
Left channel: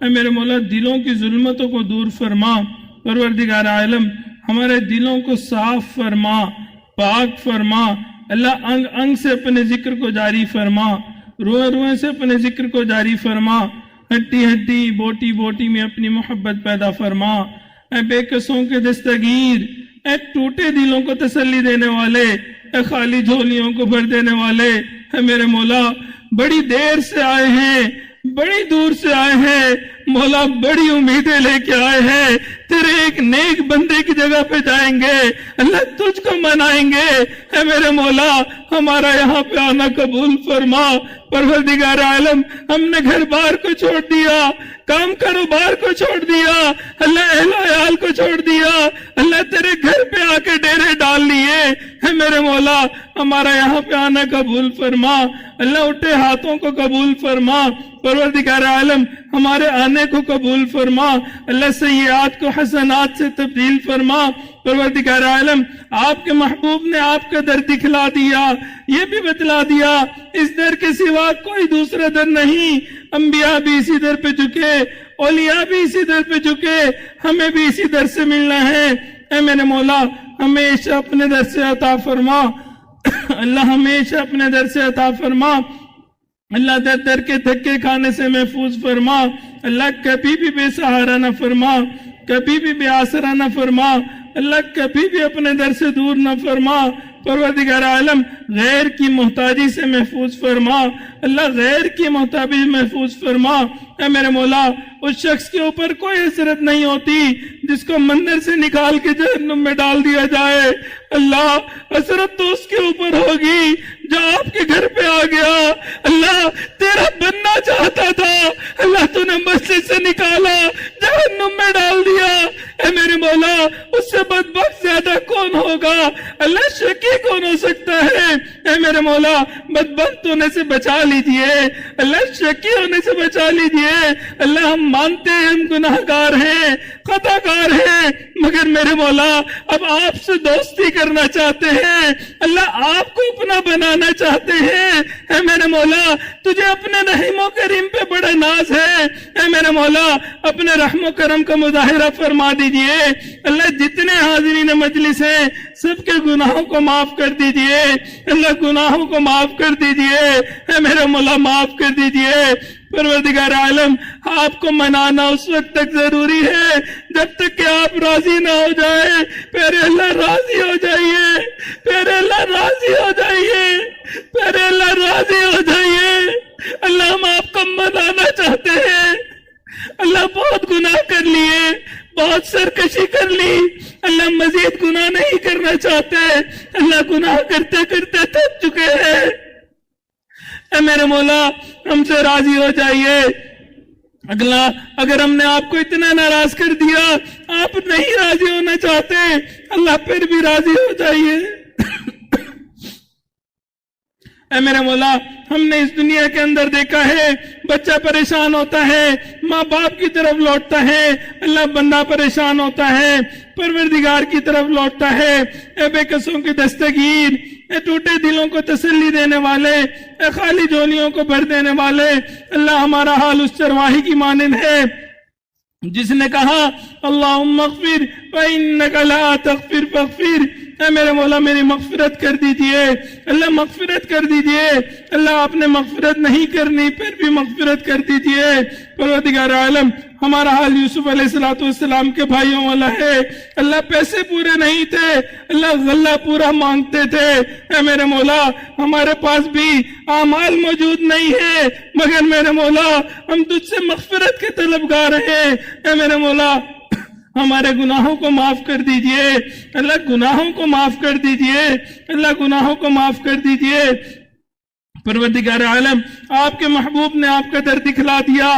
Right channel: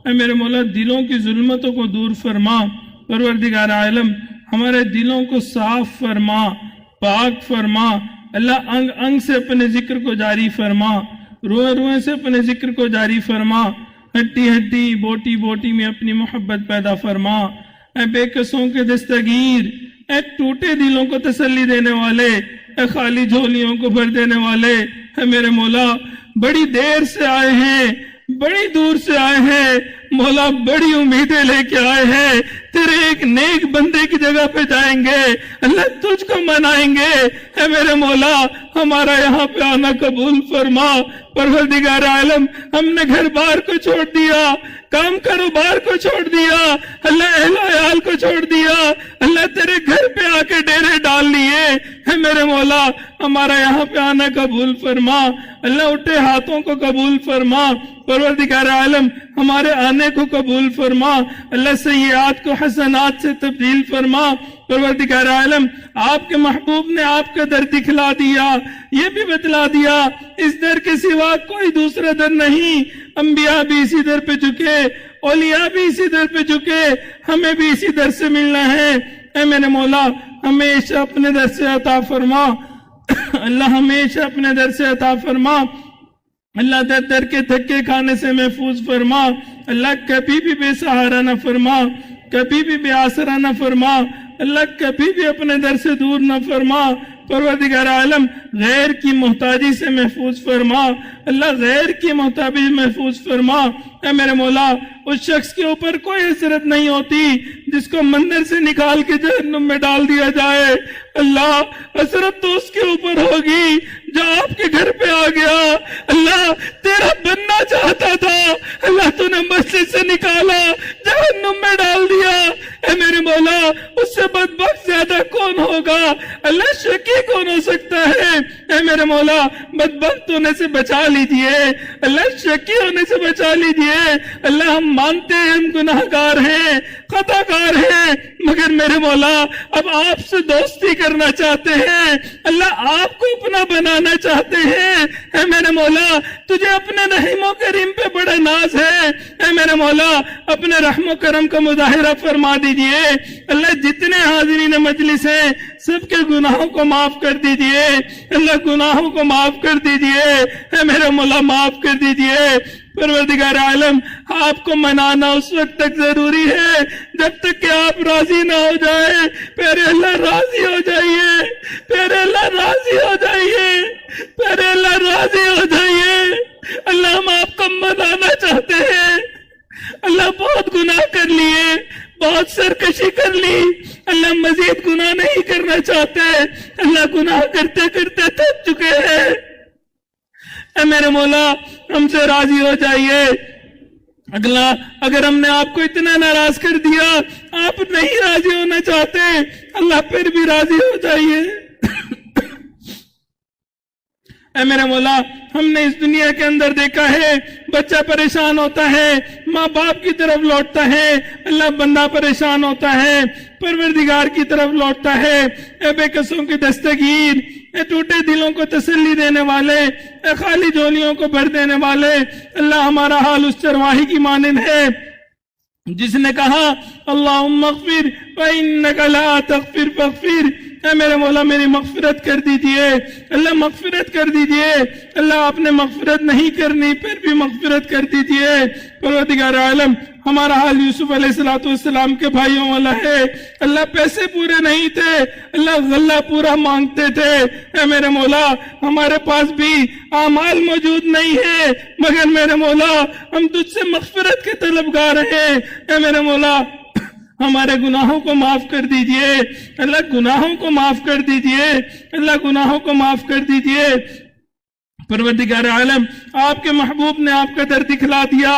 اے میرے مولا دلوں کی ظلمتوں کو دور فرما. پروردگار عالم ہمارے دلوں کو صاف فرما، پاک فرما. اللہ انگ انگ سے اپنے ذکر کو جاری فرما، روئے روئے سے اپنے ذکر کو جاری فرما. ہڈی ہڈی بوٹی بوٹی میں اپنی محبت پیدا فرما. اے بے قصوں کے دستگیر، اے ٹوٹے دلوں کو تسلی دینے والے، اے خالی جھولیوں کو بھر دینے والے. اے میرے مولا بڑی دیر سے آئے ہیں، بڑی دور سے آئے ہیں مولا، بڑی امیدیں لے کے آئے ہیں. تیرے ایک نیک بندے کی جگہ پہ جائیں گے، اللہ تجھ کو منائیں گے. اے میرے مولا ہمارا یہاں پہ آنا قبول فرما. پروردگار عالم ہم نے گھر بار کو چھوڑ دیا، کام کاروبار کو چھوڑ دیا، اللہ اہل و عیال کو چھوڑ دیا، اللہ تیرے گھر پہ آ کے ڈیرے ڈال لیے. اے میرے مولا ہمارا یہاں پہ آنا قبول فرما. اللہ اٹھے ہاتھوں کو قبول فرما. پروردگار عالم ہمارے آنے کو قبول فرما. اللہ سیئات کو حسنات سے تبدیل فرما. پروردگار عالم آپ کے محبوب نے آپ کا در دکھلا دیا، یہ بھی بتلا دیا اس در کے سوا کوئی دوسرا در نہیں. انبیاء بھی اسی در پہ جھکے، اولیاء بھی اسی در پہ جھکے، ہمیں بھی اسی در سے ملنا ہے. اے میرے مولا ہمیشہ اپنے در سے عطا فرما. اللہ ہمیشہ اپنے در سے عطا فرما. اللہ در در کے دھکے کھانے سے محفوظ فرما. اللہ کبھی بھی بے سہارا نہ فرما، کبھی بھی بے آسرا نہ فرما. اللہ کبھی بھی اپنے در سے دور نہ فرما. پروردگار عالم غیر کی محتاجی سے محفوظ فرما. اللہ غیر کی محتاجی محفوظ فرما. اے میرے مولا اس شخص کے اوپر کوئی حسرت نہیں ہوتی جس کو مندر سے نکال کے جہنم میں ڈال دیا جائے. اللہ حسرت تو اس کے اوپر ہوگی جو آپ کے گھر پہ آ گیا، اللہ تیرا بننا چاہتا تھا، اللہ تو نے مسجد سے نکالا، جہنم میں ڈال دیا. اے میرے مولا اس سے بدبخت زیادہ کون ہوگا؟ اللہ شکی کون ہو سکتا ہے؟ اے میرے مولا بدبخت ہونے سے بچا لیجئے، اللہ شکی ہونے سے بچا لیجئے. اللہ ہم مانتے ہیں ہم گناہگار ہیں، خطا کار ہیں، مگر میرے مولا اب آپ سے دوستی کرنا چاہتے ہیں، اللہ آپ کو اپنا بنانا چاہتے ہیں. اے میرے مولا تجھے اپنے رحم و کریم پہ بڑا ناز ہے. اے میرے مولا اپنے رحم و کرم کا مظاہرہ فرما دیجئے. اللہ جتنے حاضرین مجلس ہیں سب کے گناہوں کو معاف کر دیجئے. اللہ گناہوں کو معاف کر دیجئے. اے میرے مولا معاف کر دیجئے. پروردگار عالم آپ کو منانا اس وقت تک ضروری ہے جب تک کہ آپ راضی نہ ہو جائیں. پھر اللہ راضی ہو جائیے، پھر اللہ راضی ہو جائیے، پھر اللہ راضی ہو جائیے. اللہ ہم آپ کو منانا چاہتے ہیں. اللہ بہت گناہ کر لیے، بہت سرکشی کر لی، اللہ مزید گناہ نہیں کرنا چاہتے. اللہ گناہ کرتے کرتے تھک چکے ہیں. اے میرے مولا ہم سے راضی ہو جائیے. اگلا اگر ہم نے آپ کو اتنا ناراض کر دیا، آپ نہیں راضی ہونا چاہتے، اللہ پھر بھی راضی ہو جائیے. اے میرا مولا ہم نے اس دنیا کے اندر دیکھا ہے بچہ پریشان ہوتا ہے، ماں باپ کی طرف لوٹتا ہے، اللہ بندہ پریشان ہوتا ہے، پروردگار کی طرف لوٹتا ہے. اے بے قصوں کی دستگیر، اے ٹوٹے دلوں کو تسلی دینے والے، اے خالی جھولیوں کو بھر دینے والے، اللہ ہمارا حال اس چرواہی کی مانند ہے جس نے کہا اللہم اغفر فإنک لا تغفر فاغفر. اے میرے مولا میری مغفرت کر دیجئے، اللہ مغفرت کر دیجئے. اللہ آپ نے مغفرت نہیں کرنی پھر بھی مغفرت کر دیجئے. پروردگار عالم ہمارا حال یوسف علیہ السلام کے بھائیوں والا ہے. اللہ پیسے پورے نہیں تھے، اللہ غلہ پورا مانگتے تھے. اے میرے مولا ہمارے پاس بھی اعمال موجود نہیں ہے، مگر میرے مولا ہم تجھ سے مغفرت کے طلبگار ہیں. اے میرے مولا ہمارے گناہوں کو معاف کر دیجئے، اللہ گناہوں کو معاف کر دیجئے، اللہ گناہوں کو معاف کر دیجئے. پروردگار عالم آپ کے محبوب نے آپ کا در دکھلا دیا،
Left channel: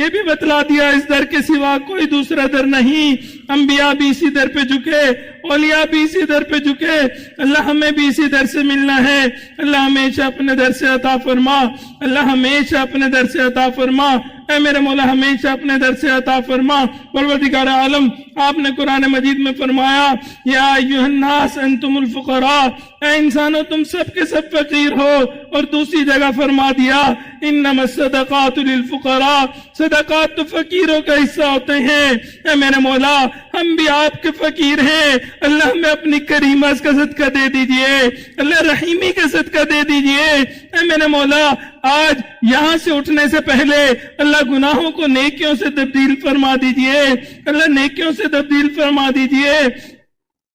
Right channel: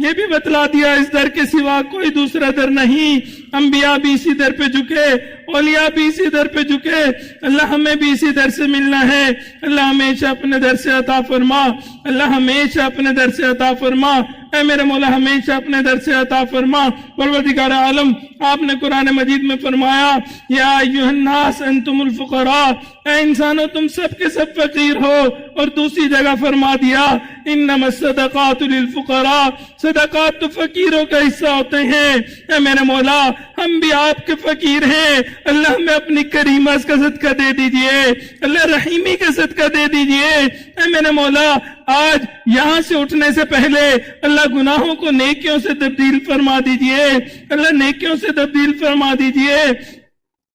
یہ بھی بتلا دیا اس در کے سوا کوئی دوسرا در نہیں۔ انبیاء بھی اسی در پہ جھکے، اولیاء بھی اسی در پہ جھکے۔ اللہ ہمیں بھی اسی در سے ملنا ہے۔ اللہ ہمیشہ اپنے در سے عطا فرما، اللہ ہمیشہ اپنے در سے عطا فرما، اے میرے مولا ہمیشہ اپنے در سے عطا فرما۔ پروردگار عالم آپ نے قرآن مجید میں فرمایا یا ایھا الناس انتم الفقراء، اے انسانوں تم سب کے سب فقیر ہو، اور دوسری جگہ فرما دیا انما الصدقات للفقراء، صدقات تو فقیروں کا حصہ ہوتے ہیں۔ اے میرے مولا ہم بھی آپ کے فقیر ہیں، اللہ ہمیں اپنی کریمہ کا صدقہ دے دیجئے، اللہ رحیمی کا صدقہ دے دیجئے۔ اے میرے مولا آج یہاں سے اٹھنے سے پہلے اللہ گناہوں کو نیکیوں سے تبدیل فرما دیجئے، اللہ نیکیوں سے تبدیل فرما دیجئے۔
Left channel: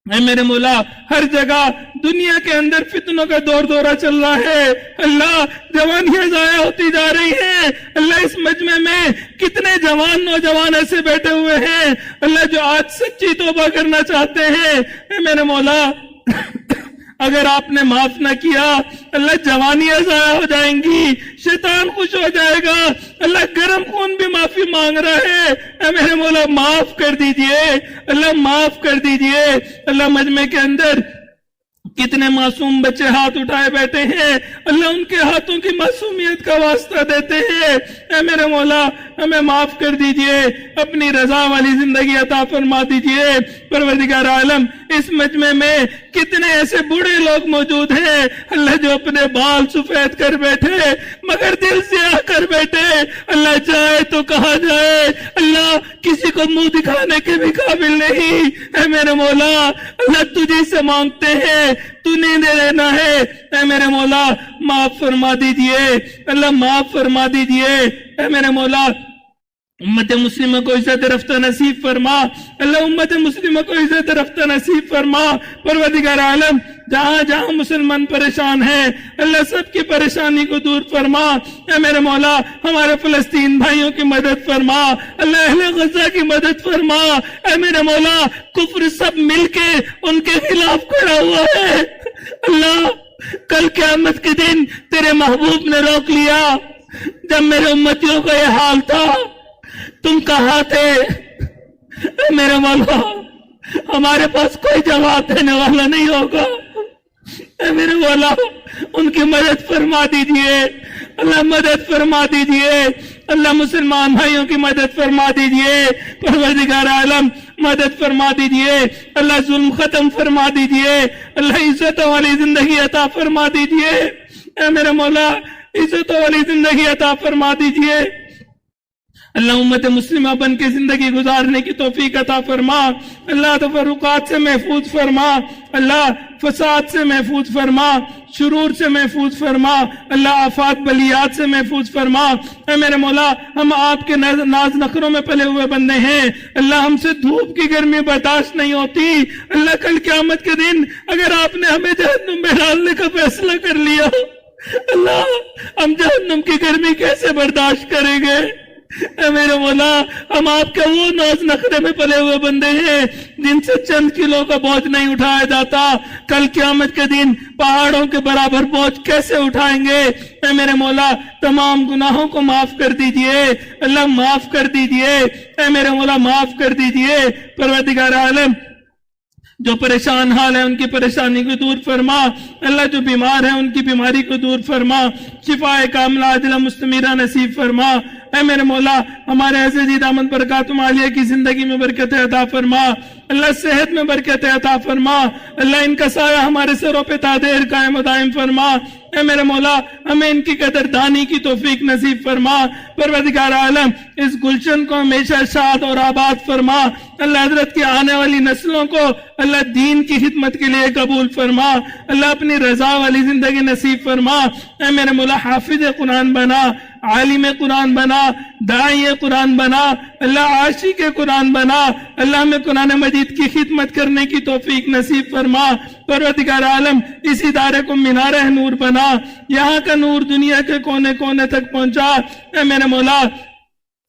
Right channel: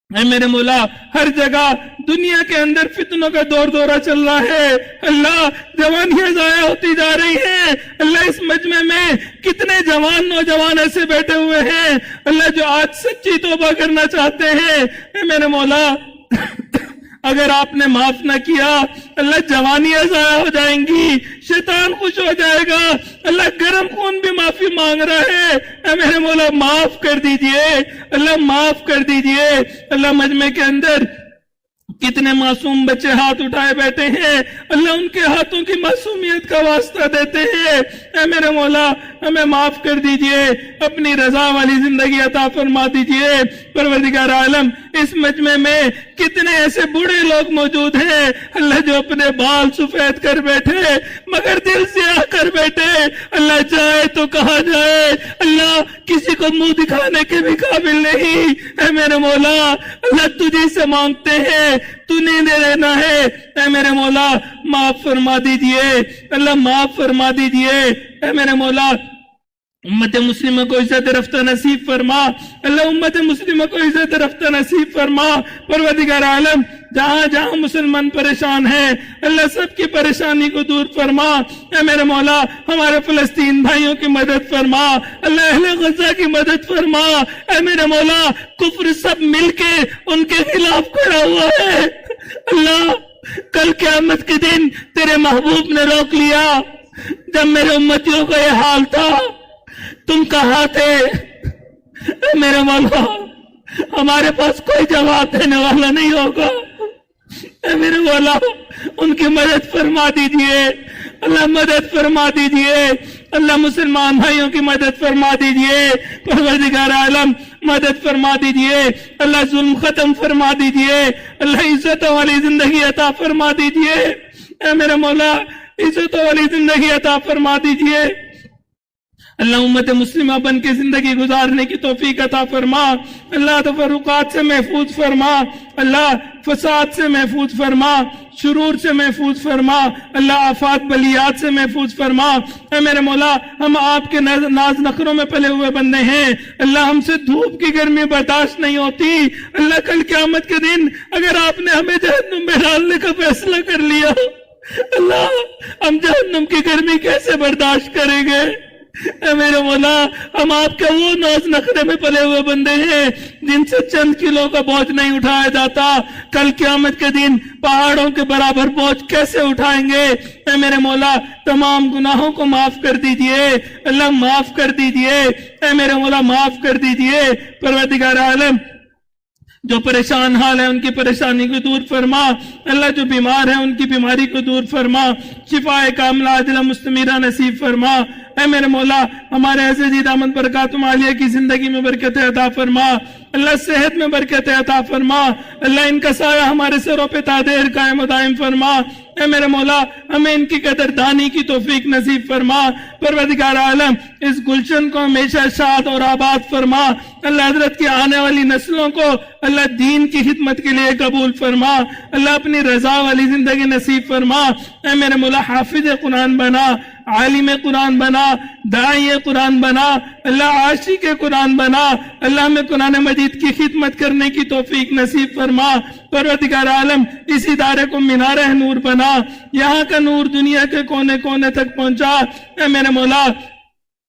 اے میرے مولا ہر جگہ دنیا کے اندر فتنوں کا دور دورہ چل رہا ہے، اللہ جوانیاں ضائع ہوتی جا رہی ہیں، اللہ اس مجمع میں کتنے جوان نوجوان ایسے بیٹھے ہوئے ہیں اللہ جو آج سچی توبہ کرنا چاہتے ہیں۔ اے میرے مولا اگر آپ نے معاف نہ کیا اللہ جوانیاں ضائع ہو جائیں گی، شیطان خوش ہو جائے گا، اللہ گرم خون بھی معافی مانگ رہا ہے۔ اے میرے مولا معاف کر دیجئے، اللہ معاف کر دیجئے۔ اللہ مجمع کے اندر کتنے معصوم بچے ہاتھ اٹھائے بیٹھے ہیں، اللہ ان کے ہاتھوں کی معصومیت کا واسطہ دیتے ہیں۔ اے میرے مولا ہمیں معاف کر دیجئے، اپنی رضا والی زندگی عطا فرما دیجئے۔ پروردگار عالم اس مجمع میں کتنے ایسے بوڑھے لوگ موجود ہیں اللہ جو اپنے بال سفید کر بیٹھے مگر دل سیاہ کر بیٹھے، اللہ چاہے تو کہا جائے اللہ کسی کو منہ دکھانے کے بھی قابل نہیں۔ اے میرے مولا اللہ تجھی سے مانگتے ہیں، تو نہیں دے دینا ہے۔ اے میرے مولا معاف فرما دیجئے، اللہ معاف فرما دیجئے۔ اے میرے مولا امت مسلمہ کو عزت رفتہ نصیب فرما، اللہ امت مسلمہ کو عزت رفتہ نصیب فرما۔ پروردگار عالم جہاں جہاں مسلمان پریشان ہیں اللہ سب کی پریشانی کو دور فرما۔ اے میرے مولا ہمارے فلسطین بھائیوں کی مدد فرما، اللہ اہل غزہ کی مدد فرما۔ اے میرے مولا کفر سب مل کے ان کے خلاف کھڑا ہوا ہے، اللہ کل قیامت کے دن تیرے محبوب نے روک لیا جب میرے امتیوں کا یہ حال تھا، تم کہاں تھے؟ میرے مولا ہمارے پاس کوئی جواب دینے والا نہیں ہوگا، میرے مولا ان کی مدد فرما دیجئے، اللہ مدد فرما دیجئے، اللہ مسلمان بھائیوں کی مدد فرما دیجئے۔ پروردگار عالم مدد فرما دیجئے، اللہ ظلم ختم فرما دیجئے، اللہ عزت والی زندگی عطا فرما دیجئے۔ اے میرے مولا عزت والی زندگی عطا فرما دیجئے، اللہ امت مسلمہ بن کے زندگی گزارنے کی توفیق عطا فرما، اللہ تفرقات سے محفوظ فرما، اللہ فساد سے محفوظ فرما، شرور سے محفوظ فرما، اللہ آفات بلیات سے محفوظ فرما۔ اے میرے مولا ہم آپ کے ناز نخروں میں پلے ہوئے بندے ہیں، اللہ ہم سے دھوپ کی گرمی برداشت نہیں ہوتی، اللہ کل قیامت کے دن اگر آپ نے ہمیں جہنم میں ڈالنے کا فیصلہ کر لیا اللہ ہم جہنم کی گرمی کیسے برداشت کریں گے؟ اے میرے مولا ہم آپ کے وہ ناز نخرے میں پلے ہوئے بندے ہیں جن سے چند کلو کا بوجھ نہیں اٹھایا جاتا، کل قیامت کے دن پہاڑوں کے برابر بوجھ کیسے اٹھائیں گے؟ اے میرے مولا تمام گناہوں کو معاف کر دیجئے، اللہ معاف کر دیجئے، اے میرے مولا معاف کر دیجئے۔ پروردگار عالم جو پریشان حال ہے ان کی پریشانی کو دور فرما، اللہ جو بیمار ہے ان کی بیماری کو دور فرما، شفاء کاملہ عاجلہ مستمرہ نصیب فرما۔ اے میرے مولا ہمارے عزیز احمد برکاتم عالیہ کی زندگی میں برکت عطا فرما، اللہ صحت میں برکت عطا فرما، اللہ ان کا سایہ ہمارے سروں پہ تادیر قائم و دائم فرما۔ اے میرے مولا ہمیں ان کی قدردانی کی توفیق نصیب فرما۔ پروردگار عالم اس گلشن کو ہمیشہ شاد اور آباد فرما، اللہ حضرت کی آنے والی نسلوں کو اللہ دین کی خدمت کے لیے قبول فرما، اللہ اپنی رضا والی زندگی نصیب فرما۔ اے میرے مولا حافظ قرآن بنا، عالم قرآن بنا، داعی قرآن بنا، اللہ عاشق قرآن بنا، اللہ میں قرآن مجید کی خدمت کرنے کی توفیق نصیب فرما۔ پروردگار عالم اس ادارے کو مینار نور بنا، یہاں کا نور دنیا کے کونے کونے تک پہنچا۔ اے میرے مولا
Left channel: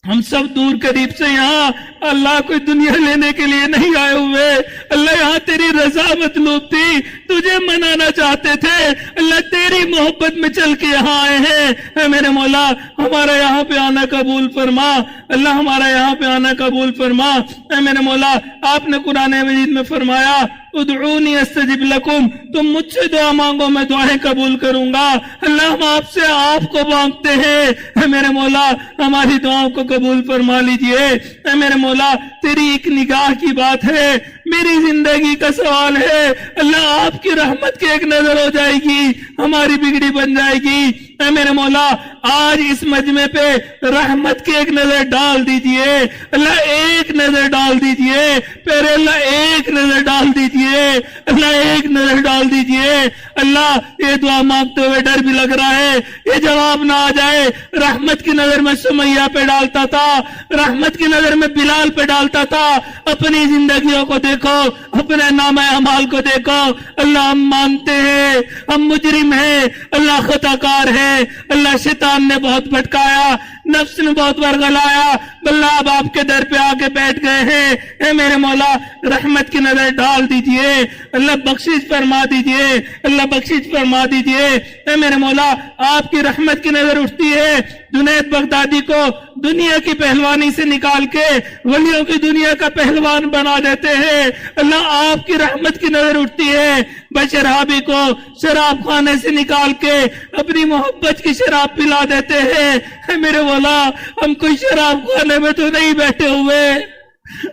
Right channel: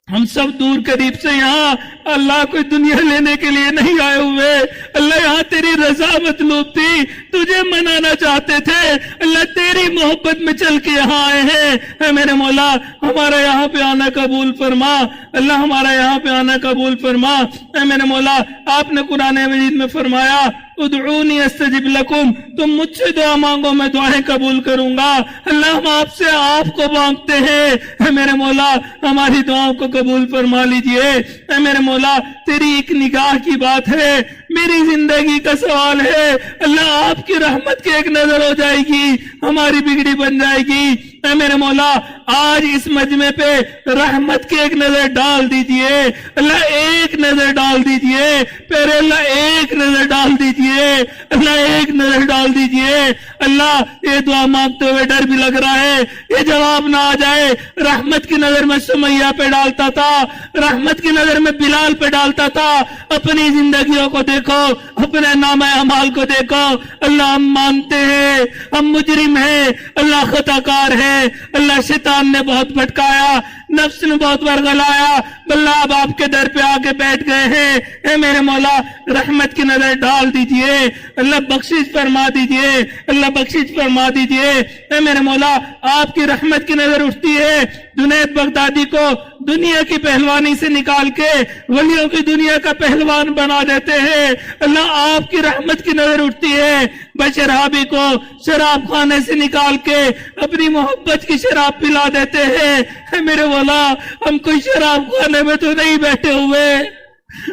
ہم سب دور قریب سے یہاں اللہ کوئی دنیا لینے کے لیے نہیں آئے ہوئے، اللہ یہاں تیری رضا مطلوب تھی، تجھے منانا چاہتے تھے، اللہ تیری محبت میں چل کے یہاں آئے ہیں۔ اے میرے مولا ہمارا یہاں پہ آنا قبول فرما، اللہ ہمارا یہاں پہ آنا قبول فرما۔ اے میرے مولا آپ نے قرآن مجید میں فرمایا ادعونی استجب لکم، تم مجھ سے دعا مانگو میں دعائیں قبول کروں گا۔ اللہ ہم آپ سے آپ کو مانگتے ہیں، اے میرے مولا ہماری دعاؤں کو قبول فرما لیجئے۔ اے میرے مولا تیری ایک نگاہ کی بات ہے، میری زندگی کا سوال ہے، اللہ آپ کی رحمت کی ایک نظر ہو جائے گی ہماری بگڑی بن جائے گی۔ اے میرے مولا آج اس مجمع پہ رحمت کی ایک نظر ڈال دیجئے، اللہ ایک نظر ڈال دیجئے، پھر اللہ ایک نظر ڈال دیجئے، اللہ ایک نظر ڈال دیجئے۔ اللہ یہ دعا مانگتے ہوئے ڈر بھی لگ رہا ہے یہ جواب نہ آ جائے۔ رحمت کی نظر میں سمیہ پہ ڈالتا تھا، رحمت کی نظر میں بلال پہ ڈالتا تھا۔ اپنی زندگیوں کو دیکھو، اپنے نام اعمال کو دیکھو، اللہ ہم مانتے ہیں ہم مجرم ہیں، اللہ خطا کار ہے، اللہ شیطان نے بہت بھٹکایا، نفس نے بہت برگلایا، اللہ اب آپ کے در پہ آ کے بیٹھ گئے ہیں۔ اے میرے مولا رحمت کی نظر ڈال دیجئے، اللہ بخشش فرما دیجئے، اللہ بخشش فرما دیجئے۔ اے میرے مولا آپ کی رحمت کی نظر اٹھتی ہے، جنید بغدادی کو دنیا کی پہلوانی سے نکال کے ولیوں کی دنیا کا پہلوان بنا دیتے ہیں، اللہ آپ کی رحمت کی نظر اٹھتی ہے۔ بشر حابی کو شراب خانے سے نکال کے اپنی محبت کی شراب پلا دیتے ہیں۔ اے میرے مولا ہم کوئی شراب خانے میں تو نہیں بیٹھے ہوئے،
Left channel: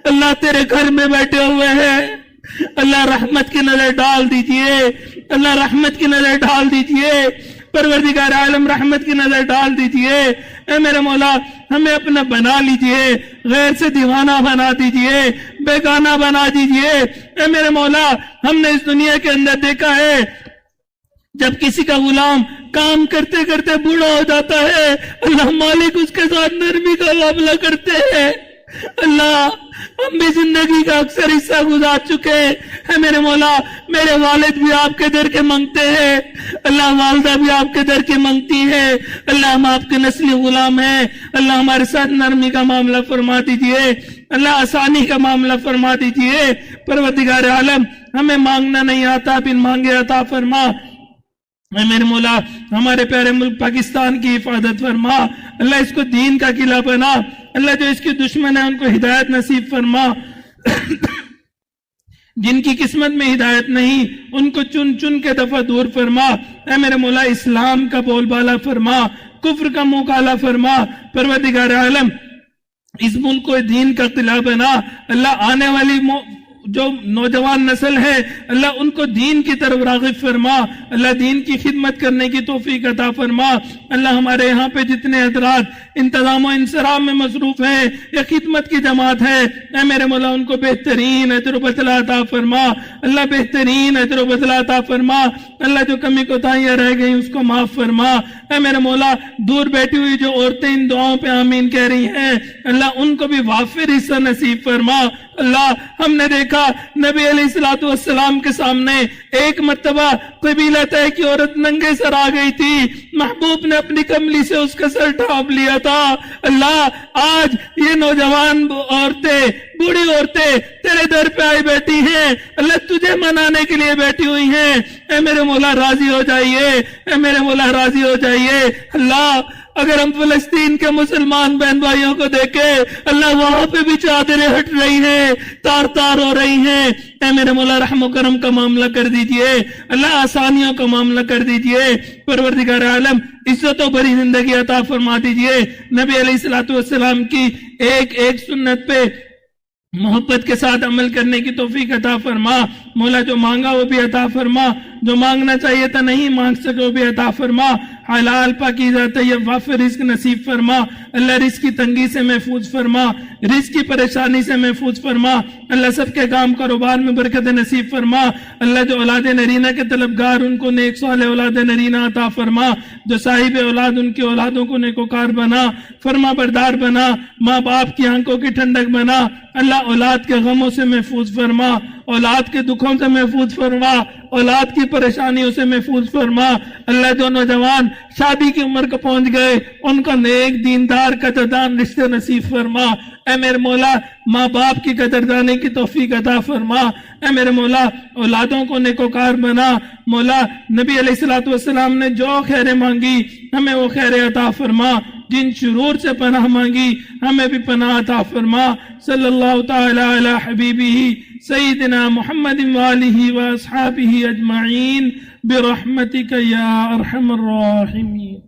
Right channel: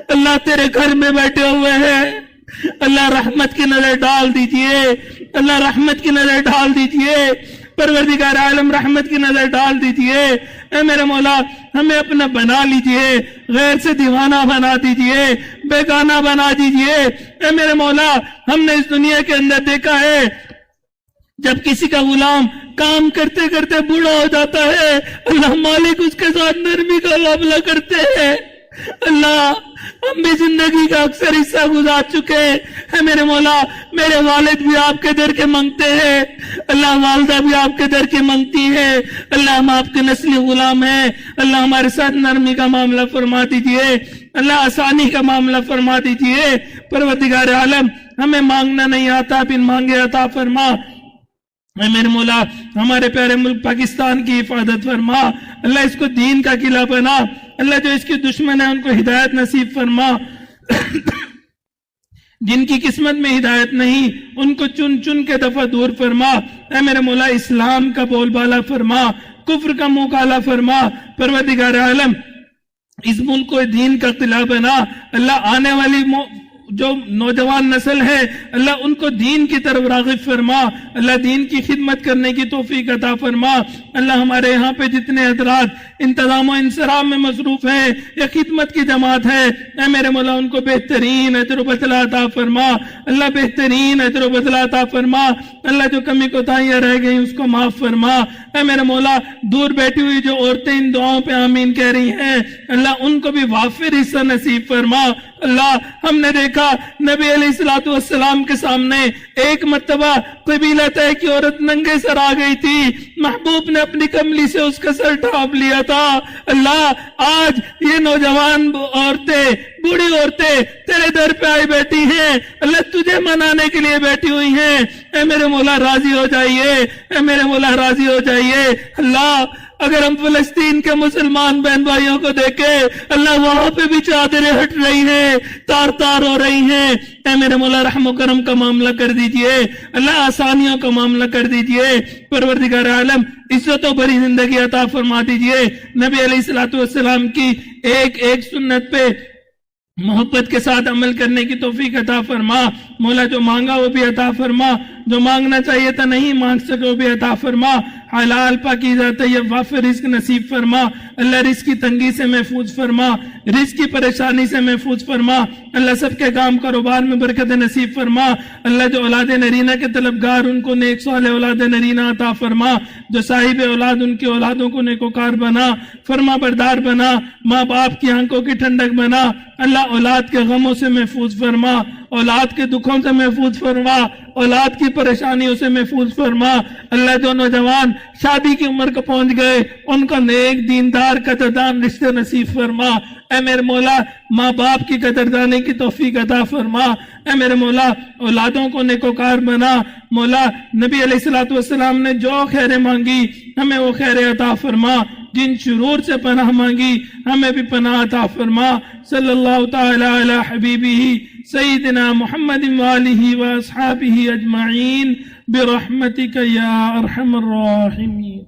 اللہ تیرے گھر میں بیٹھے ہوئے ہیں۔ اللہ رحمت کی نظر ڈال دیجئے، اللہ رحمت کی نظر ڈال دیجئے، پروردگار عالم رحمت کی نظر ڈال دیجئے۔ اے میرے مولا ہمیں اپنا بنا لیجئے، غیر سے دیوانہ بنا دیجئے، بیگانہ بنا دیجئے۔ اے میرے مولا ہم نے اس دنیا کے اندر دیکھا ہے جب کسی کا غلام کام کرتے کرتے بوڑھا ہو جاتا ہے، اللہ مالک اس کے ساتھ نرمی کا معاملہ کرتے ہیں۔ اللہ ہم بھی زندگی کا اکثر حصہ گزار چکے ہیں، میرے مولا میرے والد بھی آپ کے در کے مانگتے ہیں، اللہ والدہ بھی آپ کے در کے مانگتی ہے، اللہ ہم آپ کے نسلی غلام ہیں، اللہ ہمارے ساتھ نرمی کا معاملہ فرما دیجئے، اللہ آسانی کا معاملہ فرما دیجئے۔ پروردگار عالم ہمیں مانگنا نہیں آتا، بن مانگے عطا فرما۔ اے میرے مولا ہمارے پیارے ملک پاکستان کی حفاظت فرما، اللہ اس کو دین کا قلعہ بنا، اللہ جو اس کے دشمن ہیں ان کو ہدایت نصیب فرما، جن کی قسمت میں ہدایت نہیں ان کو چن چن کے دفعہ دور فرما۔ اے میرے مولا اسلام کا بول بالا فرما، کفر کا منہ کالا فرما۔ پروردگار عالم اس ملک کو دین کا قلعہ بنا، اللہ آنے والی جو نوجوان نسل ہے اللہ ان کو دین کی طرف راغب فرما، اللہ دین کی خدمت کرنے کی توفیق عطا فرما۔ اللہ ہمارے یہاں پہ جتنے حضرات انتظام و انصراف میں مصروف ہیں یا خدمت کی جماعت ہے، اے میرے مولا ان کو بہترین اجر و بدلہ عطا فرما، اللہ بہترین اجر و بدلہ عطا فرما، اللہ جو کمی کوتاہیاں رہ گئی اس کو معاف فرما۔ اے میرے مولا دور بیٹھی ہوئی جو عورتیں ان دعاؤں پہ آمین کہہ رہی ہیں اللہ ان کو بھی وافر حصہ نصیب فرما۔ اللہ ہم نے دیکھا نبی علیہ السلام کے سامنے ایک مرتبہ قبیلہ طے کی عورت ننگے سر آ گئی تھی، محبوب نے اپنی کملی سے اس کا سر ڈھانپ لیا تھا۔ اللہ آج یہ نوجوان عورتیں بوڑھی عورتیں تیرے در پہ آئی بیٹھی ہیں، اللہ تجھے منانے کے لیے بیٹھی ہوئی ہیں۔ اے میرے مولا راضی ہو جائیے، اے میرے مولا راضی ہو جائیے۔ اللہ اگر ہم فلسطین کے مسلمان بہن بھائیوں کو دیکھیں اللہ وہاں پہ بھی چادریں ہٹ رہی ہیں، تار تار ہو رہی ہیں، اے میرے مولا رحم و کرم کا معاملہ کر دیجئے، اللہ آسانیوں کا معاملہ کر دیجئے۔ پروردگار عالم عزت و بڑی زندگی عطا فرما دیجئے۔ نبی علیہ السلام کی ایک ایک سنت پہ محبت کے ساتھ عمل کرنے کی توفیق عطا فرما۔ مولا جو مانگا وہ بھی عطا فرما، جو مانگنا چاہیے تھا نہیں مانگ سکے وہ بھی عطا فرما۔ حلال پاکیزہ طیب وافر رزق نصیب فرما، اللہ رزق کی تنگی سے محفوظ فرما، رزق کی پریشانی سے محفوظ فرما، اللہ سب کے کام کاروبار میں برکت نصیب فرما۔ اللہ جو اولاد نرینہ کے طلبگار ان کو نیک صالح اولاد نرینہ عطا فرما، جو صاحب اولاد ان کی اولادوں کو نیکوکار بنا۔ فرما بردار بنا، ماں باپ کی آنکھوں کی ٹھنڈک بنا، اللہ اولاد کے غموں سے محفوظ فرما، اولاد کے دکھوں سے محفوظ فرما، اولاد کی پریشانیوں سے محفوظ فرما۔ اللہ جو نوجوان شادی کی عمر کو پہنچ گئے ان کو نیک دیندار قدردان رشتے نصیب فرما۔ اے میرے مولا ماں باپ کی قدردانی کی توفیق عطا فرما۔ اے میرے مولا اولادوں کو نیکوکار بنا۔ مولا نبی علیہ السلام نے جو خیریں مانگی ہمیں وہ خیریں عطا فرما، جن شرور سے پناہ مانگی ہمیں بھی پناہ عطا فرما۔ صلی اللہ تعالی علی حبیبہ سیدنا محمد وآلہ واصحابہ اجمعین برحمتک یا ارحم الراحمین۔